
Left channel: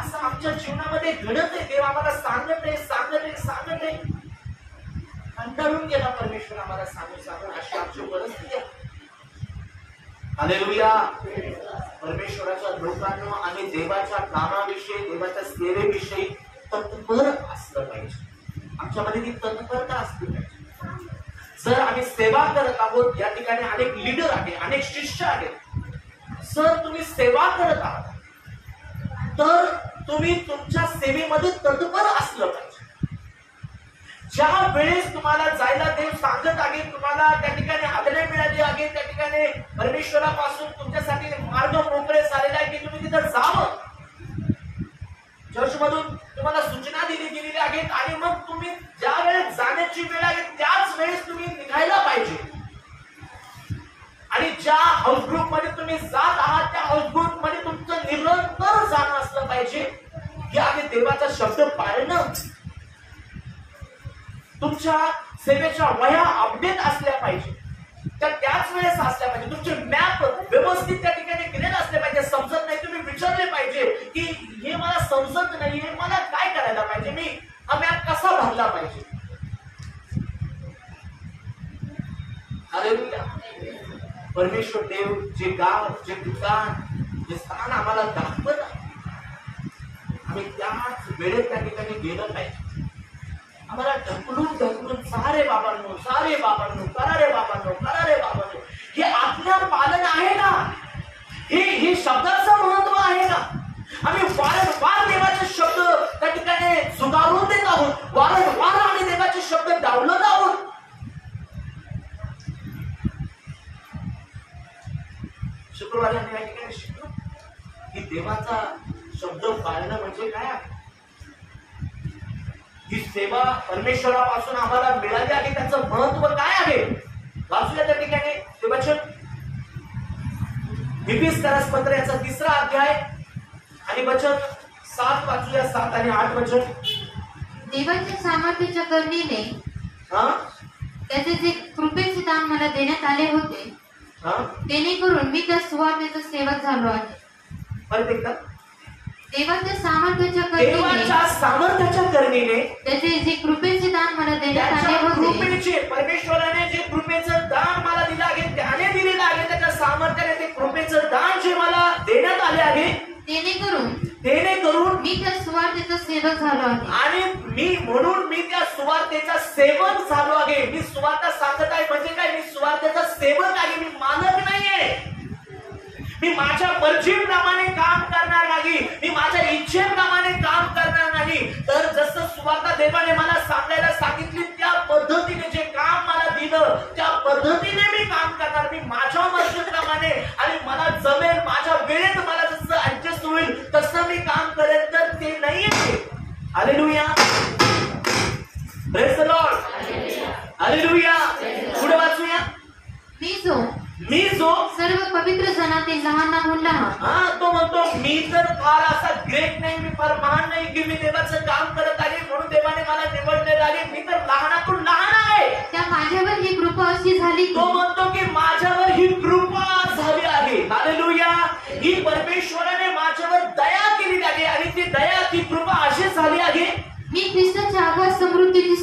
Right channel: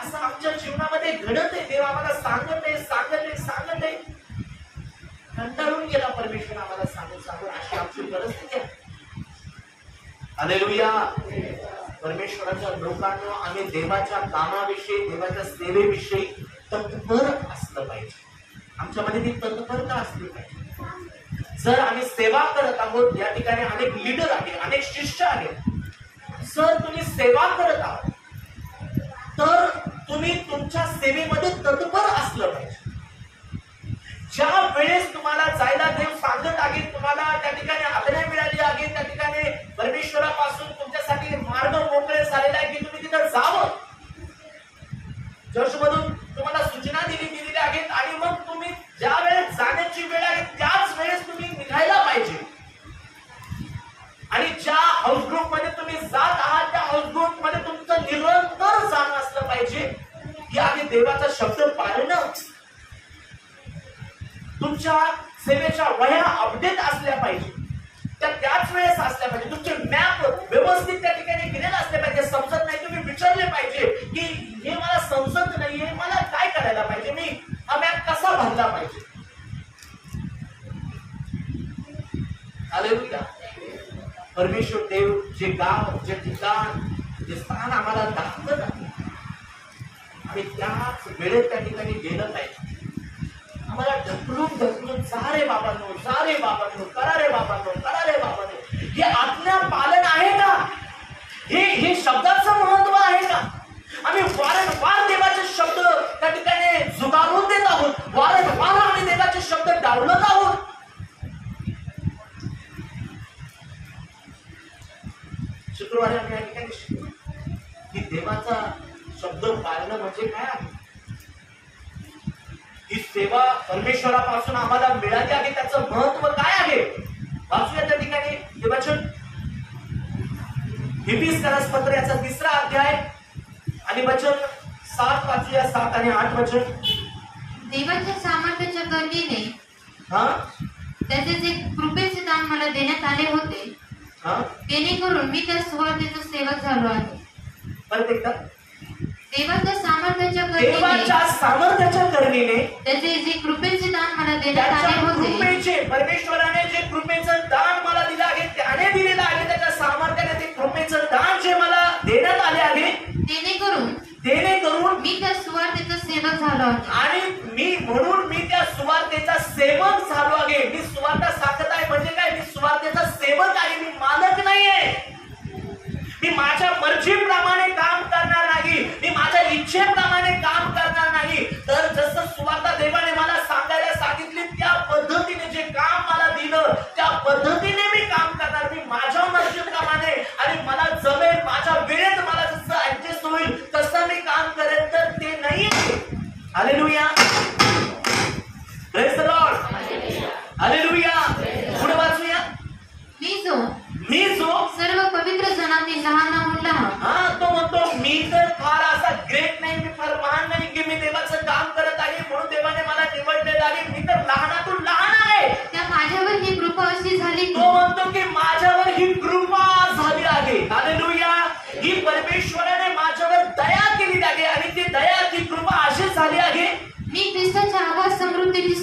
असं आमच्या जीवनामध्ये घडत आहे. देव आम्हाला सांगत आहे, सांगत आहे, सांगत आहे. कंटाळून गेला परमेश्वर आम्हाला सांगून सांगून. अशी आमची परिस्थिती आहे. हालेलुया. परमेश्वराच्या लोकांना आम्ही देवाच्या कामाविषयी, देवाच्या सेवेविषयी तत्पर असलं पाहिजे. आमच्यामध्ये ती तत्परता असली पाहिजे. जर आम्ही सेवा करत आहोत, या ठिकाणी अनेक लीडर आहेत, अनेक शिष्य आहेत. सर तुम्ही सेवा करत आहात तर तुम्ही तुमच्या सेवेमध्ये तत्पर असलं पाहिजे. ज्या वेळेस तुम्हाला जायला देव सांगत आहे, तुम्हाला त्या ठिकाणी आज्ञा मिळाली आहे, त्या ठिकाणी परमेश्वरापासून तुमच्यासाठी मार्ग मोकळे झालेला आहे की तुम्ही तिथं जावं. चर्चमधून तुम्हाला सूचना दिलेल्या आहेत आणि मग तुम्ही ज्या वेळेस जाण्याची वेळ आहे त्याच वेळेस तुम्ही निघायला पाहिजे. आणि ज्या हाऊस ग्रुप मध्ये तुम्ही जात आहात त्या हाऊस ग्रुप मध्ये तुमचं निरंतर जाणं असलं पाहिजे की आधी देवाचा शब्द पाळणं. तुमच्या सेवेच्या वह्या अपडेट असल्या पाहिजे, त्याच वेळेस असल्या पाहिजे. तुमचे मॅप व्यवस्थित त्या ठिकाणी केलेले असले पाहिजे. समजत नाही तुम्ही विचारले पाहिजे की हे मला समजत नाहीये, मला काय करायला पाहिजे, मी हा मॅप कसा भरला पाहिजे. हालेलुया. परमेश्वर देव जे गाव, जे ठिकाण, जे स्थान आम्हाला दाखवत आहे, आम्ही त्याच वेळेत त्या ठिकाणी गेलं पाहिजे. आम्हाला ढकलून ढकलून जा रे बाबांनो, जा रे बाबांनो, करा रे बाबांनो, करा रे बाबांनो, हे आज्ञा पालन आहे का? हे शब्दाचं महत्व आहे का? आम्ही वारंवार देवाचे शब्द त्या ठिकाणी झुगारून देत आहोत, वारंवार आम्ही देवाचे शब्द डावलत आहोत. शुक्रवारी आम्ही या ठिकाणी शिकलो की देवाचा शब्द पाळणं म्हणजे काय आहे. ही सेवा परमेश्वरापासून आम्हाला मिळाली आहे, त्याचं महत्व काय आहे. वाचूया त्या ठिकाणी देवाचं इफिसियन्स पत्र याचा 3रा अध्याय आणि वचन 7 वाचूया, 7 आणि 8 वचन. देवाच्या सामर्थ्याच्या करुणेने त्याचे जे कृपेचे दान मला देण्यात आले होते, जेणेकरून मी त्या सुवार्तेचा सेवक झालो आहे. परत एकदा. देवाच्या सामर्थ्याच्या करुणेने त्याचे जे कृपेचे दान मला देण्यात आले होते, परमेश्वराने जे कृपेचं दान मला दिलं आहे, त्याने दिलेलं आहे, त्याच्या सामर्थ्याने ते कृपेचं दान जे मला देण्यात आले आहे, जेणेकरून मी त्या सुवार्तेचा सेवक झालो आहे. आणि म्हणून मी त्या सुवार्तेचा सेवक झालो आहे. मी सुवार्ता सांगत आहे म्हणजे काय? मी सुवार्तेचा सेवक आहे, मी मालक नाहीये. मी माझ्या मर्जीप्रमाणे काम करणार नाही, मी माझ्या इच्छेप्रमाणे काम करणार नाही. तर जसं सुवार्ता देवाने मला सांगायला सांगितली त्या पद्धतीने जे काम मला दिलं त्या पद्धतीने मी काम करणार. मी माझ्या मर्जीप्रमाणे आणि मला जमेल माझ्या वेळेत मला जसं ऍडजस्ट होईल तसं मी काम करेन, तर ते नाहीये. Hallelujah, praise the Lord, hallelujah. पुढे वाचूया. मी जो सर्व पवित्र जनातील लहानाहून लहान, तो म्हणतो मी तर फार असा ग्रेट नाही, मी फार महान नाही की मी देवाचं काम करत आहे म्हणून देवाने मला निवडलेलं आहे. मी तर लहानातून लहान आहे. त्या माझ्यावर ही कृपा अशी झाली. तो म्हणतो की माझ्यावर ही कृपा झाली आहे. हालेलुया. ही परमेश्वराने माझ्यावर दया केली आहे आणि ती दया, ती कृपा अशी झाली आहे. मी ख्रिस्ताच्या आगाध समृद्धीची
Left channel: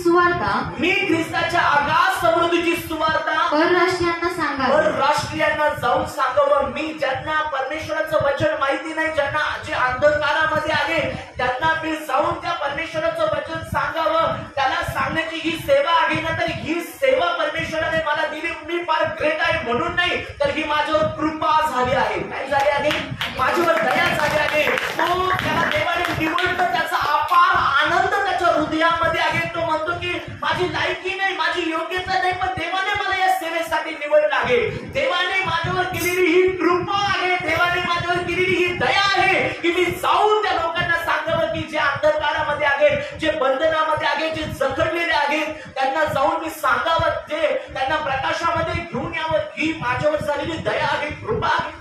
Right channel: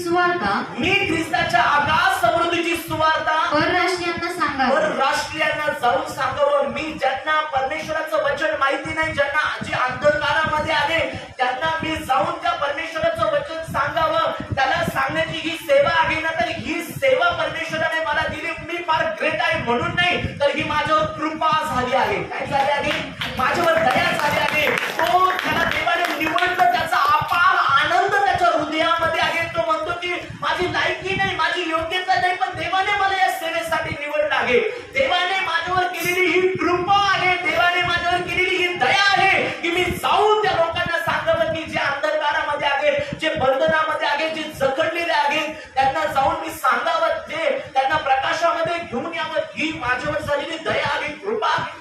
सुवार्ता परराष्ट्रीयांना जाऊन सांगावं. मी ज्यांना परमेश्वराचं वचन माहिती नाही, ज्यांना जे अंधकारामध्ये आहे, त्यांना मी जाऊन त्या परमेश्वराचं वचन सांगावं, त्याला सांगण्याची ही सेवा आहे ना. तर ही सेवा परमेश्वराने मला दिली. मी फार ग्रेट आहे म्हणून नाही, तर ही माझ्यावर कृपा झाली आहे. काय झाली आहे? माझ्यावर दया झाली आहे. तो त्याला देवाने निवडलं, त्याचा अपार आनंद त्याच्या हृदयामध्ये आहे. तो म्हणतो की माझी लायकी नाही, माझी योग्यता नाही, पण देवाने मला या सेवेसाठी निवडलं आहे. देवाने माझ्यावर केलेली ही कृपा आहे, देवाने माझ्यावर केलेली ही दया आहे की मी जाऊन त्या लोकांना सांगावं की जे अंधकारामध्ये आहेत, जे बंधनामध्ये आहेत, जे जखडलेले आहेत, त्यांना जाऊन मी सांगावं, जे त्यांना प्रकाशामध्ये घेऊन यावं. ही माझ्यावर झालेली दया आहे, कृपा आहे.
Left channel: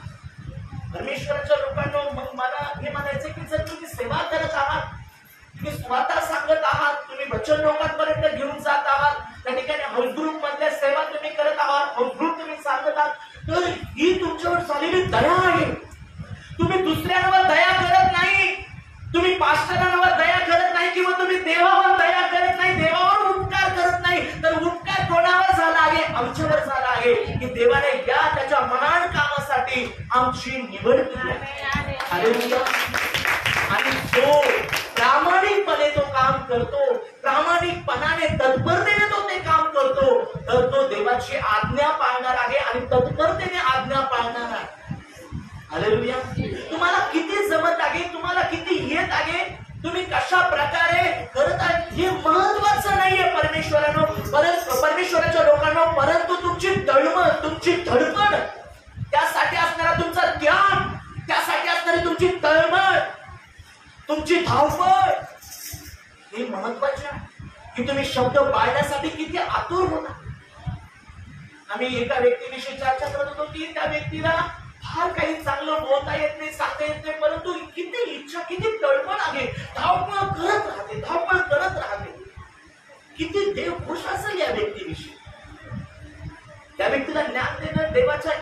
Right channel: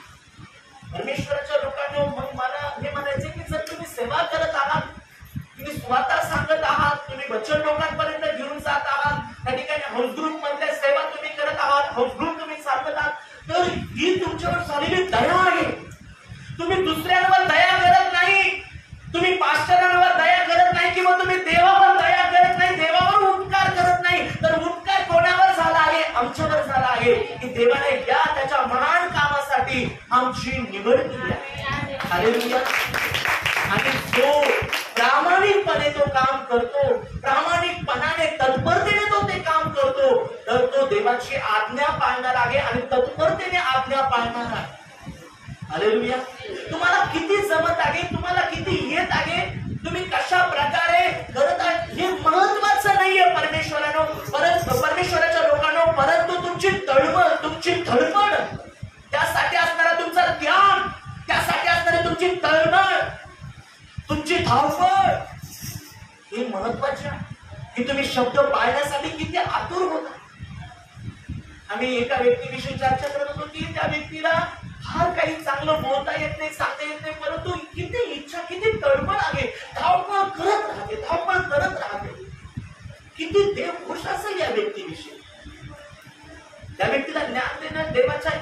परमेश्वराच्या लोकांना मग मला हे म्हणायचे की जर तुम्ही सेवा करत आहात, तुम्ही स्वतः सांगत आहात, तुम्ही वचन लोकांपर्यंत घेऊन जात आहात, त्या ठिकाणी हाऊस ग्रुप मधल्या सेवा तुम्ही करत आहात, हाऊस ग्रुप तुम्ही सांगत आहात, तर ही तुमच्यावर झालेली दया आहे. तुम्ही दुसऱ्यांवर दया करत नाही, तुम्ही पास्टरांवर दया करत नाही, किंवा तुम्ही देवावर दया करत नाही, देवावर उपकार करत नाही. तर उपकार कोणावर झाला आहे? आमच्यावर झाला आहे की देवाने या त्याच्या महान कामासाठी आमची निवड केली आहे. हालेलुया. आणि जो प्रामाणिकपणे तो काम करतो, प्रामाणिकपणाने तत्परतेने तो ते काम करतो, तर तो देवाची आज्ञा पाळणार आहे आणि तत्परतेने आज्ञा पाळणार आहे. हालेलुया. तुम्हाला किती जमत आहे, तुम्हाला किती येत आहे, तुम्ही कशा प्रकारे करत आहे, हे महत्वाचं नाहीये परमेश्वरानो, परमेश्वराच्या लोकांना, परंतु तुमची तळमळ, तुमची धडपड, त्यासाठी असणारा तुमचा त्याग, त्यासाठी असणारी तुमची तळमळ, तुमची धावपळ, हे महत्वाचे आहे की तुम्ही शब्द पाळण्यासाठी किती आतुर होता. आम्ही एका व्यक्तीविषयी चर्चा करत होतो की त्या व्यक्तीला फार काही चांगलं बोलता येत नाही, सांगता येत नाही, परंतु किती इच्छा, किती तळमळ आहे, धावपळ करत राहते, धावपळ करत राहते. किती देव खुश असेल या व्यक्तीविषयी. त्या व्यक्तीला ज्ञान देणं देवाच्या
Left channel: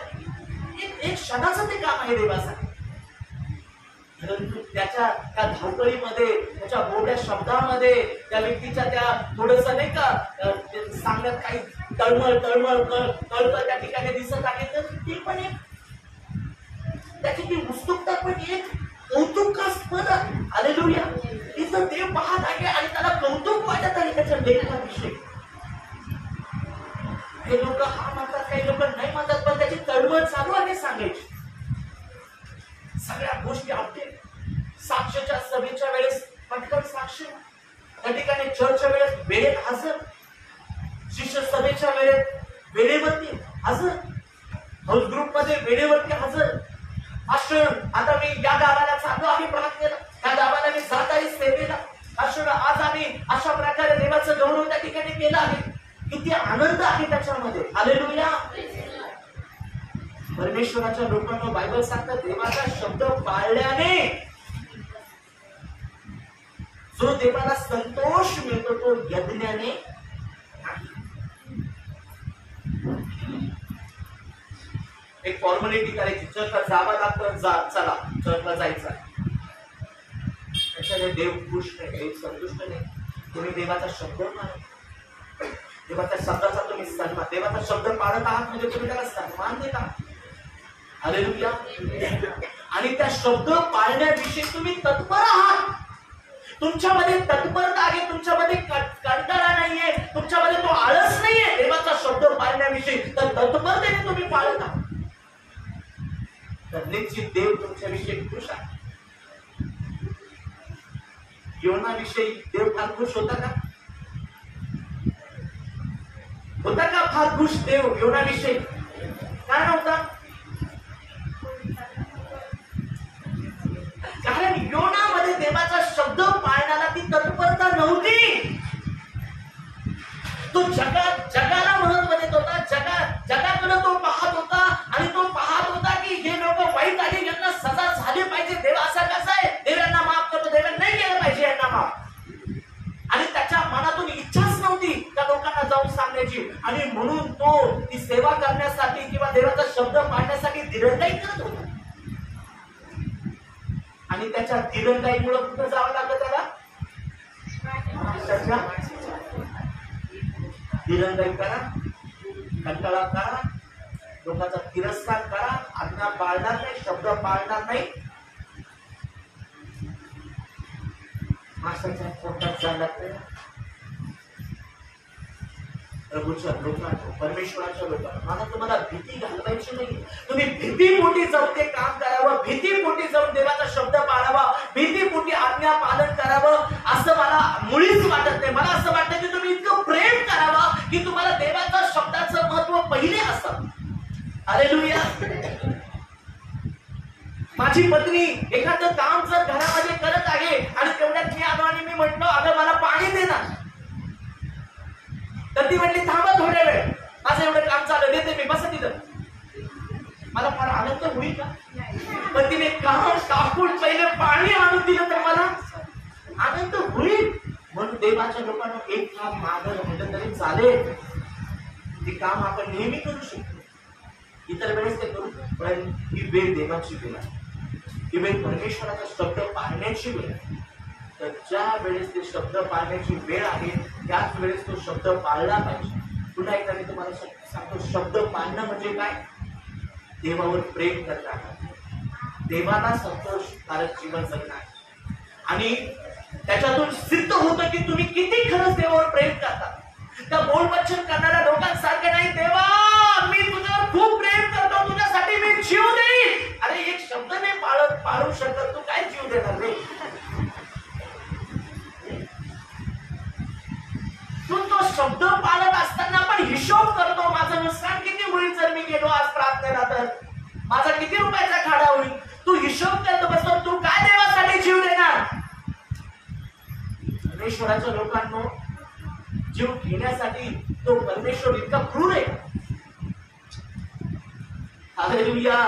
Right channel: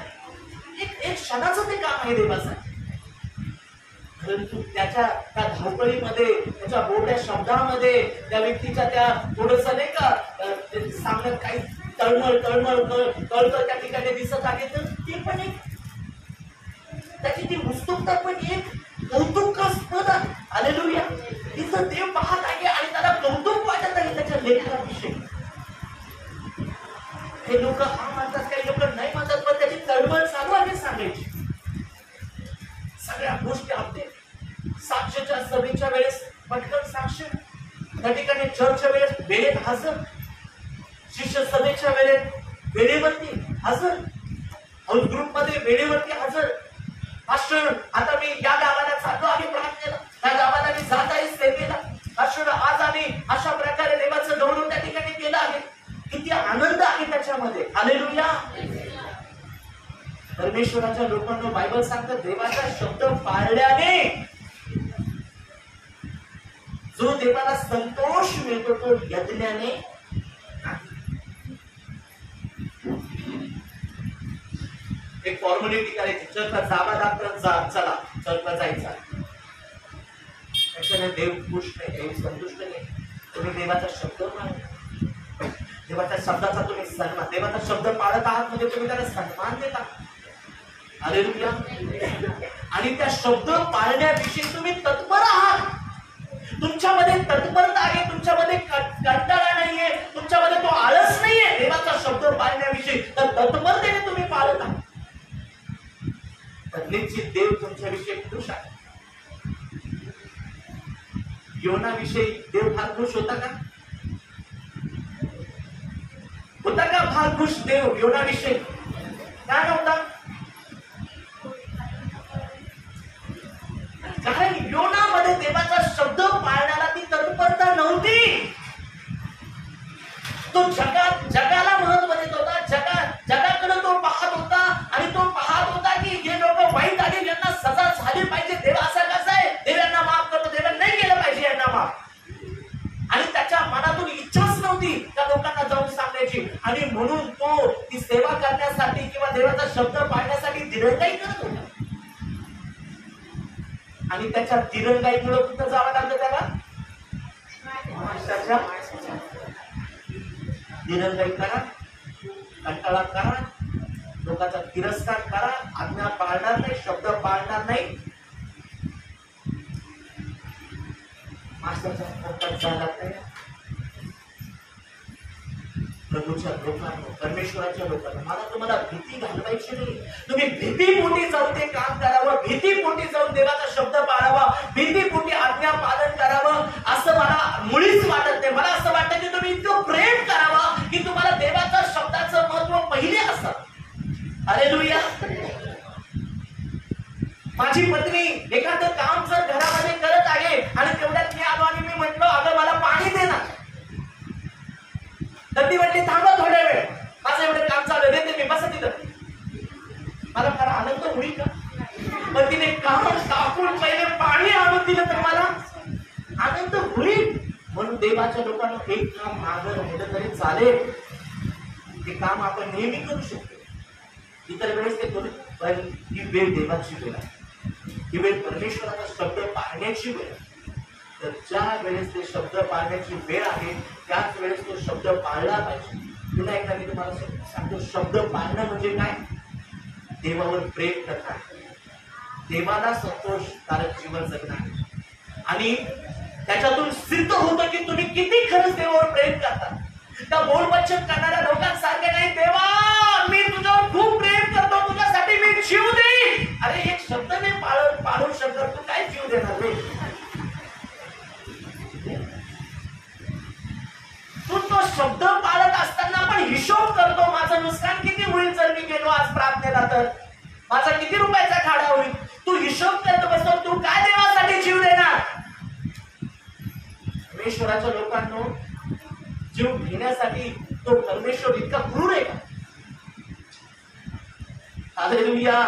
एक क्षणाचं ते काम आहे देवाचं. परंतु त्याच्या त्या धावपळीमध्ये, त्याच्या बोलल्या शब्दामध्ये, त्या व्यक्तीच्या त्या थोडस नाही का सांगण्यात काही तळमळ तळमळ कळतं त्या ठिकाणी दिसत आहे, तर ते त्याची ती उत्सुकता पण एक कौतुकास्पद आहे. हालेलुया. तिचं देव पाहत आहे आणि त्याला कौतुक वाटत आहे त्याच्या लेखनाविषयी. हे लोक हा म्हणतात, काही लोक नाही म्हणतात, पण त्याची तळमळ चालू आहे सांगायची. सगळ्या गोष्टी अपडेट. साक्षीच्या सभेच्या वेळेस पटकन साक्ष, त्या ठिकाणी चर्चच्या वेळेस वेळेत हजर, शिष्य सभेच्या वेळेत वेळेवरती हजर, हाऊस ग्रुप मध्ये वेळेवरती हजर. मास्टर आता मी या गावाला चाललो आहे प्रार्थनेला, त्या गावाला मी जात आहे सेवेला. मास्टर आज आम्ही अशा प्रकारे देवाचं गौरव त्या ठिकाणी केलं आहे. किती आनंद आहे त्याच्यामध्ये. हालेलुया. परमेश्वराच्या लोकांना बायबल सांगतात देवाचा शब्द पाळल्याने जो देवाला संतोष मिळतो तो यज्ञाने एक फॉर्मॅलिटी करायची. चर्चला जावा लागतं, चला चर्चला जायचा. त्याच्याने देव खुश नाही, देव संतुष्ट नाही. तुम्ही देवाचा शब्द माना, देवाच्या शब्दाचा तुम्ही सन्मान, देवाचा शब्द पाळत आहात म्हणजे तुम्ही त्याला सन्मान देत आहात. हालेलुया. आणि त्या शब्द पाळण्याविषयी तुम्ही तत्पर आहात. तुमच्यामध्ये तत्परता आहे, तुमच्यामध्ये कंटाळा नाहीये, तुमच्यामध्ये तो आळस नाहीये देवाचा शब्द पाळण्याविषयी. तर तत्परतेने तुम्ही पाळत आहात तर निश्चित देव तुमच्याविषयी खुश आहे. योनाविषयी देव फार खुश होता का? होता का फार खुश देव योनाविषयी? का नव्हता? कारण योनामध्ये देवाचा शब्द पाळण्याला ती तत्परता नव्हती. तो जगाला महत्व देत होता, जगाकडे तो पाहत होता आणि तो पाहत होता की हे लोक वाईट आहे, यांना सजा झाली पाहिजे. देव असा कसा आहे, देव यांना माफ करतो, देवाने नाही केलं पाहिजे यांना माफ. आणि त्याच्या मनातून इच्छाच नव्हती त्या लोकांना जाऊन सांगण्याची. आणि म्हणून तो ती सेवा करण्यासाठी किंवा देवाचा शब्द पाळण्यासाठी दिरंगाई करत होता. आणि त्याच्या दिरंगाईमुळे कुठं जावं लागलं त्याला? दिरंगाई करा, कंटाळा करा, लोकांचा तिरस्कार करा, आज्ञा पाळणार नाही, शब्द पाळणार नाही, माणसाच्या पोटात जायला नाही. प्रभूच्या लोकांना, परमेश्वराच्या लोकांना मला तुम्हाला भीती घालवायची नाही. तुम्ही भीतीपोटी जाऊन ते काम करावं, भीतीपोटी जाऊन देवाचा शब्द पाळावा, भीतीपोटी आज्ञा पालन करावं असं मला मुळीच वाटत नाही. मला असं वाटतं की तुम्ही इतकं प्रेम करावं की तुम्हाला देवाच्या शब्दाचं महत्व पहिले असावं. हालेलुया. माझी पत्नी एखादं काम जर घरामध्ये करत आहे आणि तेवढ्यात मी आलो आणि मी म्हटलं अगं मला पाणी दे ना, तर ती म्हटली थांबा थोड्या वेळ, माझं एवढं काम चालू देते मी, बसा तिथं. मला फार आनंद होईल का? पण तिने काम टाकून पहिले पाणी आणून दिलं तर मला आनंद होईल. म्हणून देवाच्या लोकांना एक काम मागं राहिलं तरी चालेल, ते काम आपण नेहमी करू शकतो. इतर वेळेस ते करू, पण ही वेळ देवाची वेळ आहे, ही वेळ परमेश्वराचा शब्द पाळण्याची वेळ आहे. तर ज्या वेळेस ते शब्द पाळण्याची वेळ आहे त्याच वेळेस तो शब्द पाळला पाहिजे. पुन्हा एकदा मी तुम्हाला सांगतो, शब्द पाळणं म्हणजे काय? देवावर प्रेम करणं, देवाला संतोषकारक जीवन जगणं. आणि त्याच्यातून सिद्ध होतं की तुम्ही किती खरंच देवावर प्रेम करता. त्या बोलवचन करणाऱ्या लोकांसारखे नाही, देवा मी तुझ्यावर खूप प्रेम करतो, तुझ्यासाठी मी जीव देईन. अरे एक शब्द नाही पाळू शकत, तू काय जीव देणार रे? तू तो शब्द पाळत असताना पण हिशोब करतो, माझं नुकसान किती होईल जर मी गेलो आज प्रार्थनेला, तर माझा किती रुपयाचा खाडा होईल. तू हिशोब करतो बसतो, तू काय देवासाठी जीव देणार? परमेश्वराच्या लोकांनो, जीव घेण्यासाठी तो परमेश्वर इतका क्रूर आहे का? हालेलुया.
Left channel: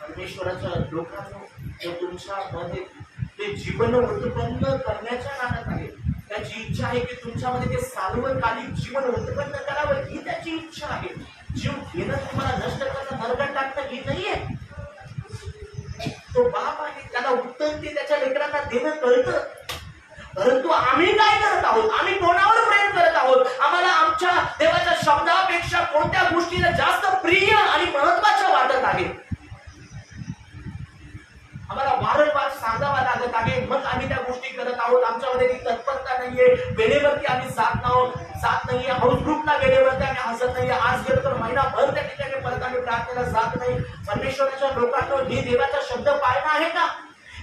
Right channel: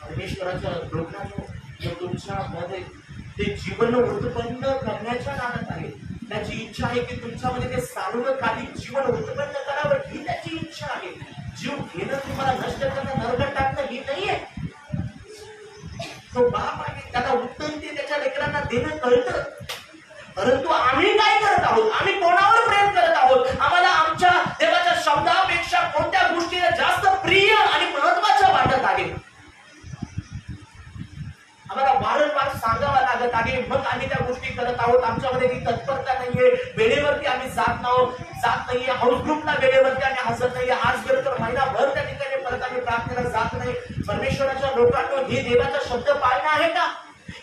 परमेश्वराच्या लोकांनो, जो तुमच्यामध्ये ते जीवन उत्पन्न करण्याच्या नादात आहे, त्याची इच्छा आहे की तुमच्यामध्ये ते सार्वकालिक जीवन उत्पन्न करावं, ही त्याची इच्छा आहे. जीव घेणं तुम्हाला नष्ट करणं, नरकात टाकणं ही नाहीये. तो बाप आहे, त्याला उत्तम ते त्याच्या लेकरांना देणं कळतं. परंतु आम्ही काय करत आहोत? आम्ही कोणावर प्रेम करत आहोत? आम्हाला आमच्या देवाच्या शब्दापेक्षा कोणत्या गोष्टीला जास्त प्रिय आणि महत्वाच्या वाटत लागत आहे, मग आम्ही त्या गोष्टी करत आहोत. आमच्यामध्ये ती तत्परता नाहीये, वेळेवरती आम्ही जात नाहीये, हाऊस ग्रुपला वेळेवरती आम्ही हसत नाहीये. आज गेलो तर महिनाभर त्या ठिकाणी परत आम्ही प्रार्थनेला जात नाही. परमेश्वराच्या लोकांनो, ही देवाचा शब्द पाळणं आहे का?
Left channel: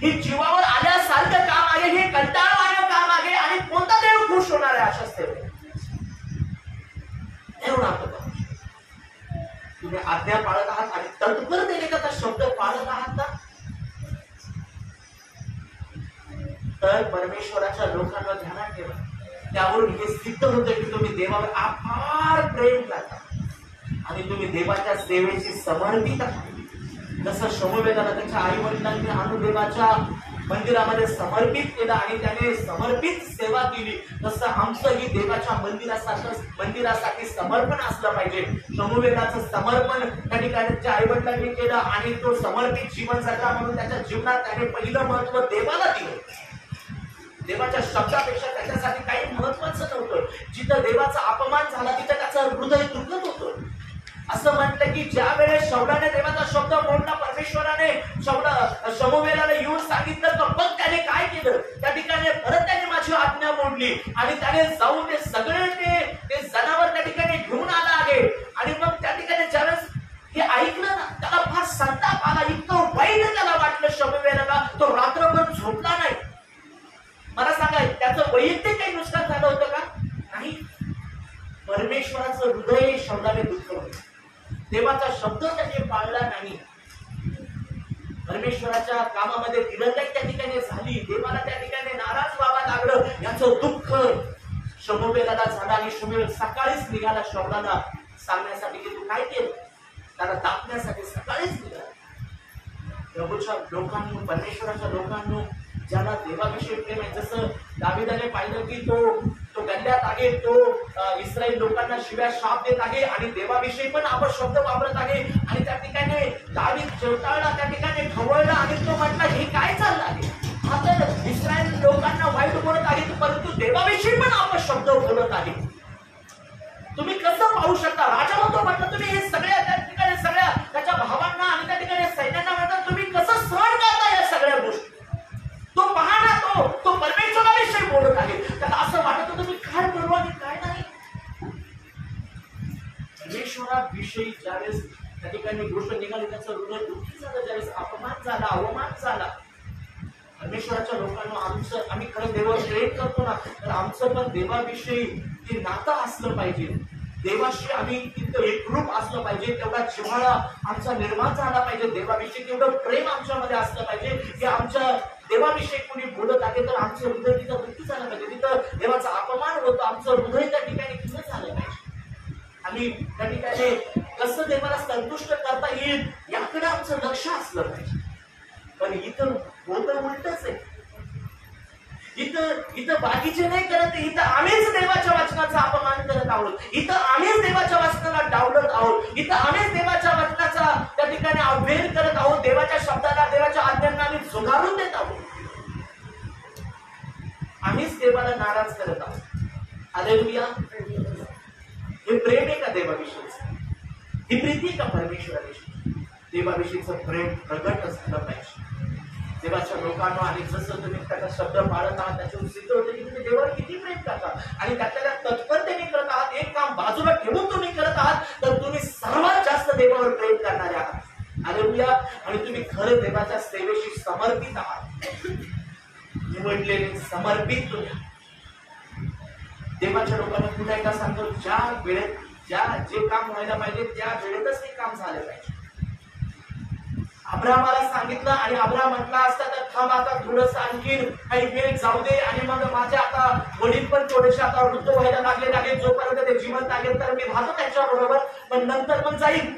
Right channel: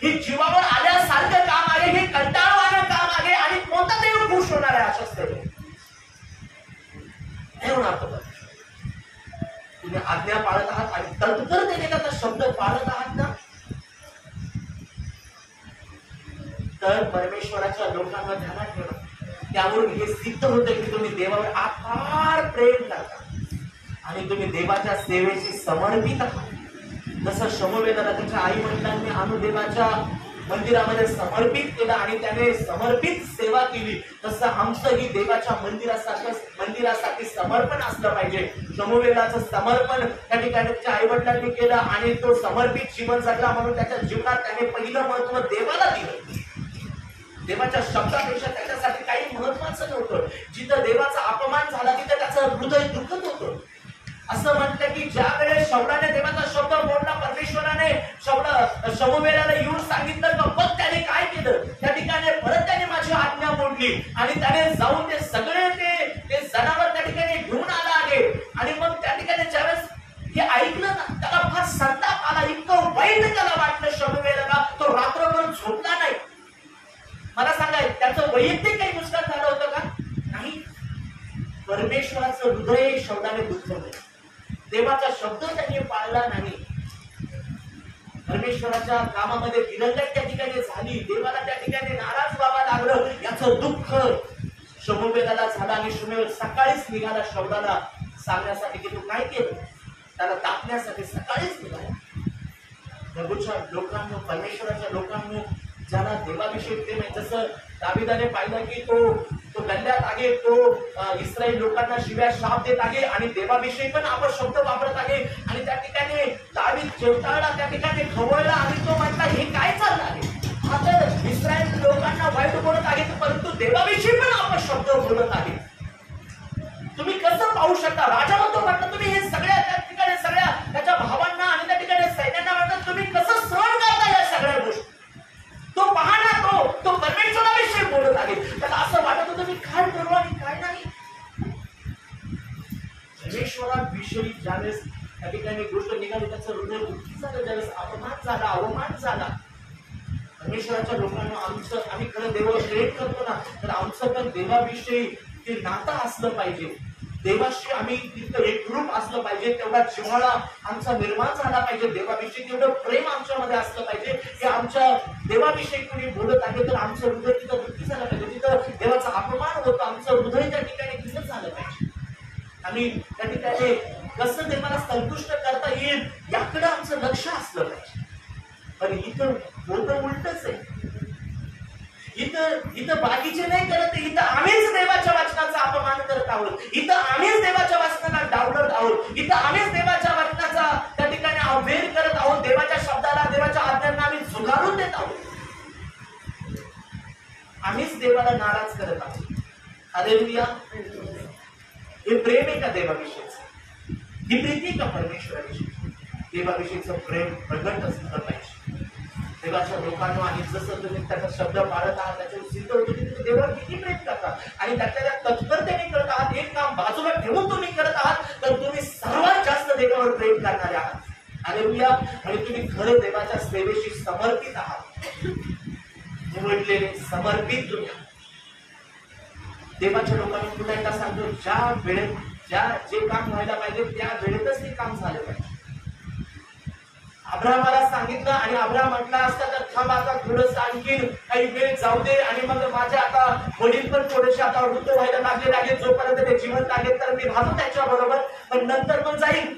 ही जीवावर आल्यासारखं काम आहे, हे कंटाळवाणं काम आहे. आणि कोणता देव खुश होणार आहे अशा सेवेत? नाही होणार तो. तुम्ही आज्ञा पाळत आहात आणि तत्परतेने त्याचा शब्द पाळत आहात ना, तर परमेश्वराच्या लोकांना ध्यानात ठेवा. त्यावरून हे सिद्ध होते की तुम्ही देवावर अपार प्रेम करता आणि तुम्ही देवाच्या सेवेशी समर्पित आहात. जसं शमूएलाला त्याच्या आई वडिलांनी आणून देवाच्या मंदिरामध्ये समर्पित केलं आणि त्याने समर्पित सेवा केली, तसं आमचंही देवाच्या मंदिरासाठी समर्पण असलं पाहिजे. शमूएलाचं समर्पण त्या ठिकाणी त्याच्या आई वडिलांनी केलं आणि तो समर्पित जीवन जगला म्हणून त्याच्या जीवनात त्याने पहिलं महत्व देवाला दिलं. देवाच्या शब्दापेक्षा त्याच्यासाठी काही महत्वाचं नव्हतं. जिथं देवाचा अपमान झाला तिथं त्याचं हृदय दुखत होतं. असं म्हटलं की ज्या वेळेस शौलाने देवाचा शब्द बोलला, परमेश्वराने शमूएलाला येऊन सांगितलं तर मग त्याने काय केलं? त्या ठिकाणी परत त्याने माझी आज्ञा मोडली आणि त्याने जाऊन ते सगळे ते जनावर त्या ठिकाणी घेऊन आला आहे. आणि मग त्या ठिकाणी ज्यावेळेस हे ऐकलं ना, त्याला फार संताप आला, इतकं वाईट त्याला वाटलं शमूएलाला. तो रात्रभर झोपला नाही. मला सांगा, त्याचं वैयक्तिक काही नुकसान झालं होतं का? नाही. परमेश्वराचं हृदय शौलाने दुखवलं, देवाचा शब्द त्यांनी पाळला नाही. परमेश्वराच्या कामामध्ये दिरंगाई त्या ठिकाणी झाली, देवाला त्या ठिकाणी नाराज व्हावं लागलं. याचं दुःख शमूएलाला झालं आणि शमूएल सकाळीच निघाला शौलाला सांगण्यासाठी की तू काय केलं. त्याला दाखण्यासाठी सकाळीच निघाला. प्रभूच्या लोकांनो, परमेश्वराच्या लोकांनो, ज्याला देवाविषयी प्रेम आहे, जसं दाविदाने पाहिलं की तो गल्ल्यात आहे, तो इस्रायल लोकांना शिव्या शाप देत आहे आणि देवाविषयी पण आपण शब्द वापरत आहे. आणि त्या ठिकाणी दावीद जेवताळला, त्या ठिकाणी खवळला आणि तो म्हटला हे काय चाललं आहे? हा तर इस्रायल लोकांना वाईट बोलत आहे, परंतु देवाविषयी पण आपण शब्द बोलत आहे. तुम्ही कसं पाहू शकता? राजा म्हणतो, म्हटलं तुम्ही हे सगळ्या त्या ठिकाणी सगळ्या त्याच्या भावांना आणि त्या ठिकाणी सैन्यांना म्हणतात, तुम्ही कसं सहन करता या सगळ्या गोष्टी? तो पहा ना, तो परमेश्वराविषयी बोलत आहे. त्याला असं वाटत होतं मी काय करू आणि काय नाही. परमेश्वराविषयी ज्यावेळेस त्या ठिकाणी गोष्ट निघाली, त्याचं हृदय दुःखी झालं. ज्यावेळेस अपमान झाला, अवमान झाला. परमेश्वराच्या लोकांना आम्ही खरं देवावर प्रेम करतो ना, तर आमचं पण देवाविषयी ते नातं असलं पाहिजे. देवाशी आम्ही तितकं एकरूप असलं पाहिजे, तेवढा जिव्हाळा आमचा निर्माण झाला पाहिजे. देवाविषयी तेवढं प्रेम आमच्यामध्ये असलं पाहिजे की आमच्या देवाविषयी कोणी बोलत आहे तर आमचं हृदय तिथं दुःखी झालं पाहिजे. तिथं देवाचा अपमान होतो, आमचं हृदय त्या ठिकाणी खिन्न झालं पाहिजे. आम्ही त्या ठिकाणी कसं देवाला संतुष्ट करता येईल याकडे आमचं लक्ष असलं पाहिजे. पण इथं होतं उलटच आहे. इथं बाकीचे नाही करत, इथं आम्हीच देवाच्या वचनाचा अपमान करत आहोत. इथं आम्हीच देवाच्या वचनाला डावलत आहोत. इथं आम्हीच देवाच्या वचनाचा त्या ठिकाणी अवहेर करत आहोत. देवाच्या शब्दाला, देवाच्या आज्ञांना आम्ही झुगारून देत आहोत. आम्हीच देवाला नाराज करत आहोत. हालेलुया. हे प्रेम आहे का देवाविषयीचं? ही प्रीती का परमेश्वराविषयी? देवाविषयीचं प्रेम प्रगट झालं पाहिजे देवाच्या लोकांना. आणि जसं तुम्ही त्याचा शब्द पाळत आहात, त्याच्यावर सिद्ध होतं की तुम्ही देवावर किती प्रेम करता आणि त्याच्या तत्परतेने करत आहात. एक काम बाजूला ठेवून तुम्ही करत आहात तर तुम्ही सर्वात जास्त देवावर प्रेम करणारे आहात. हालेलुया. आणि तुम्ही खरं देवाच्या सेवेशी समर्पित आहात. निवडलेले समर्पित तुम्ही. देवाच्या लोकांना पुन्हा एकदा सांगतो, ज्या वेळेत जे काम व्हायला पाहिजे त्या वेळेतच ते काम झालं पाहिजे. अब्राहमाला सांगितलं आणि अब्राहम म्हटला असता तर थांब, आता थोडस आणखीन काही वेळ जाऊ दे आणि मग माझे आता वडील पण थोडेसे आता वृद्ध व्हायला लागलेले आहेत, जोपर्यंत ते जिवंत आहेत तर मी राहतो त्याच्या बरोबर, पण नंतर मग जाईल.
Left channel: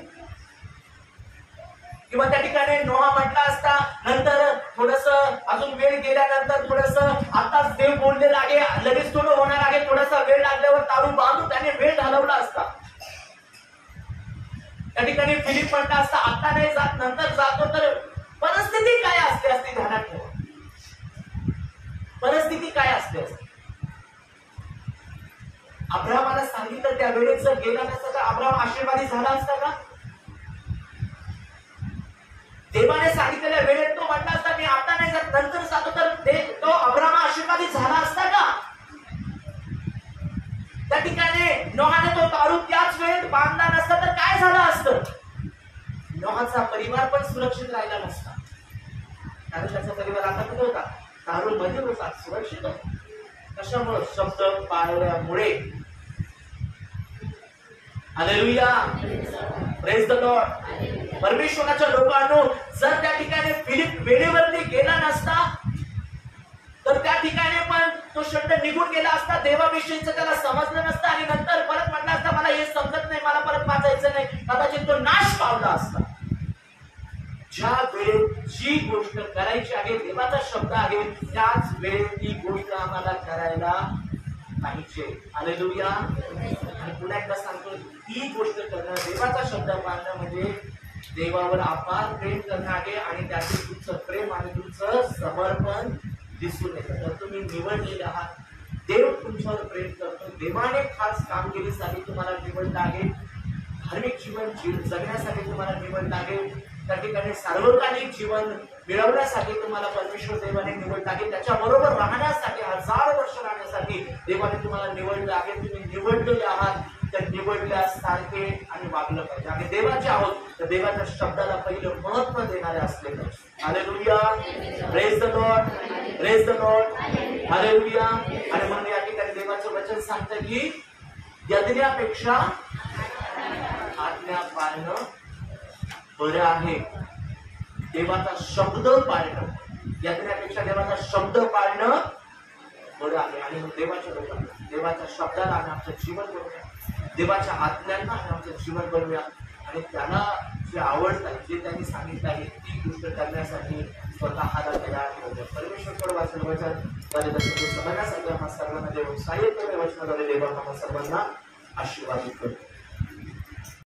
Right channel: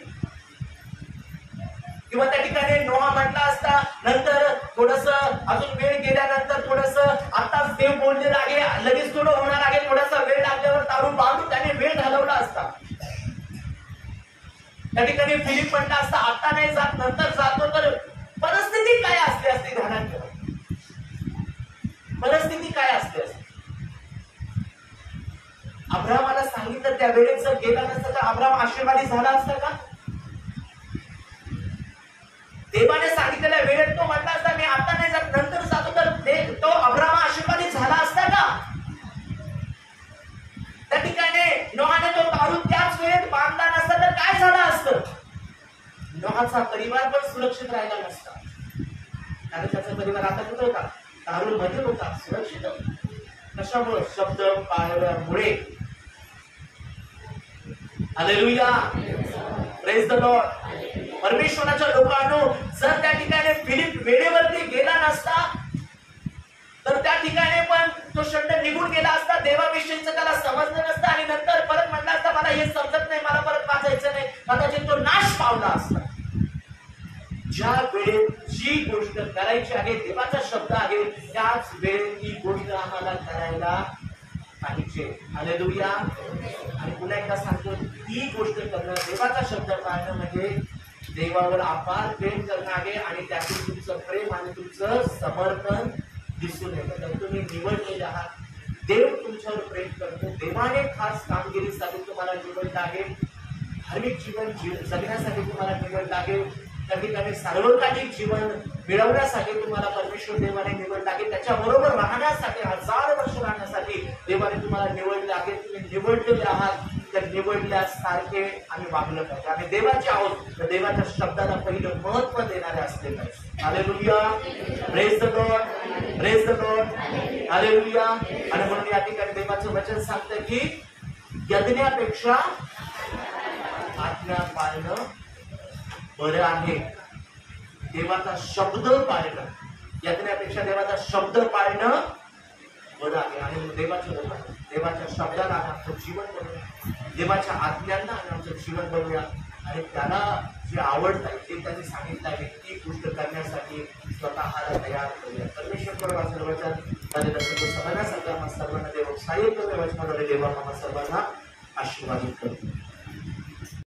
किंवा त्या ठिकाणी नोहा म्हटला असता नंतर थोडस अजून वेळ गेल्यानंतर थोडस आताच देव बोललेला आहे, लगेच थोडं होणार आहे, थोडासा वेळ लागल्यावर तारू बांधून त्याने वेळ घालवला असता. त्या ठिकाणी फिलिप म्हटला असता आता नाही जात नंतर जातो, तर परिस्थिती काय असली असते ध्यानात ठेवा. परिस्थिती काय असते असते. अब्राहमाला सांगितलं त्या वेळेत जर गेला नसता तर अब्राहम आशीर्वादी झाला असता का? देवाने सांगितलेल्या वेळेत तो म्हटला असता मी आता नाही जात नंतर जातो, तर तो अब्राम आशीर्वादित झाला असता का? त्या ठिकाणी नोहाने तो तारू त्याच वेळेत बांधला नसता तर काय झालं असतं? नोहाचा परिवार पण सुरक्षित राहिला नसता, कारण त्याचा परिवार आता कुठे होता? तारू मध्ये होता, सुरक्षित होता. कशामुळे? शब्द पाळल्यामुळे. Hallelujah, praise the Lord. परमेश्वराच्या लोकांनो, जर त्या ठिकाणी फिलिप वेळेवरती गेला नसता तर त्या ठिकाणी पण तो शब्द निघून गेला असता, देवाविषयीचं त्याला समजलं नसतं आणि नंतर परत म्हटलं असता मला हे समजत नाही, मला परत वाचायचं नाही, कदाचित तो नाश पावला असता. ज्या वेळेत जी गोष्ट करायची आहे, देवाचा शब्द आहे, त्याच वेळेत ती गोष्ट आम्हाला करायला पाहिजे. हालेलुया. आणि पुन्हा एकदा सांगतो, ती गोष्ट करणं, देवाचा शब्द पाळणं म्हणजे देवावर अपार प्रेम करणं आहे आणि त्यातून तुमचं प्रेम आणि तुमचं समर्पण दिसून येतं. तर तुम्ही निवडलेले आहात, देव तुमच्यावर प्रेम करतो, देवाने खास कामगिरीसाठी तुम्हाला निवडलं आहे, धार्मिक जीवन जगण्यासाठी तुम्हाला निवडलं आहे, त्या ठिकाणी सार्वकालिक जीवन मिळवण्यासाठी तुम्हाला परमेश्वर देवाने निवडलं आहे, त्याच्याबरोबर राहण्यासाठी, 1000 वर्ष राहण्यासाठी देवाने तुम्हाला निवडलं आहे. तुम्ही निवडलेले आहात, तर निवडल्यासारखे आम्ही वागलं पाहिजे. आम्ही देवाचे आहोत, तर देवाच्या शब्दाला पहिलं महत्व देणारे असले पाहिजे. Hallelujah, praise the Lord, praise the Lord, hallelujah. आणि म्हणून या ठिकाणी देवाचं वचन सांगतं की यज्ञापेक्षा आज्ञा पाळणं बरं आहे. देवाचा शब्द पाळणं, यज्ञापेक्षा देवाचा शब्द पाळणं बरं आहे. आणि देवाच्या लोकांना, देवाच्या शब्दाला आम्ही आमचं जीवन बनवूया, देवाच्या आज्ञांना आम्ही आमचं जीवन बनवूया आणि त्याला जे आवडत आहे, जे त्यांनी सांगितलं आहे, ती गोष्ट करण्यासाठी स्वतःला तयार करूया. परमेश्वर वाचलं वचन माझ्या सर्वांना देव सहाय्य करू, वचनाद्वारे देवा सर्वांना आशीर्वादित करतो.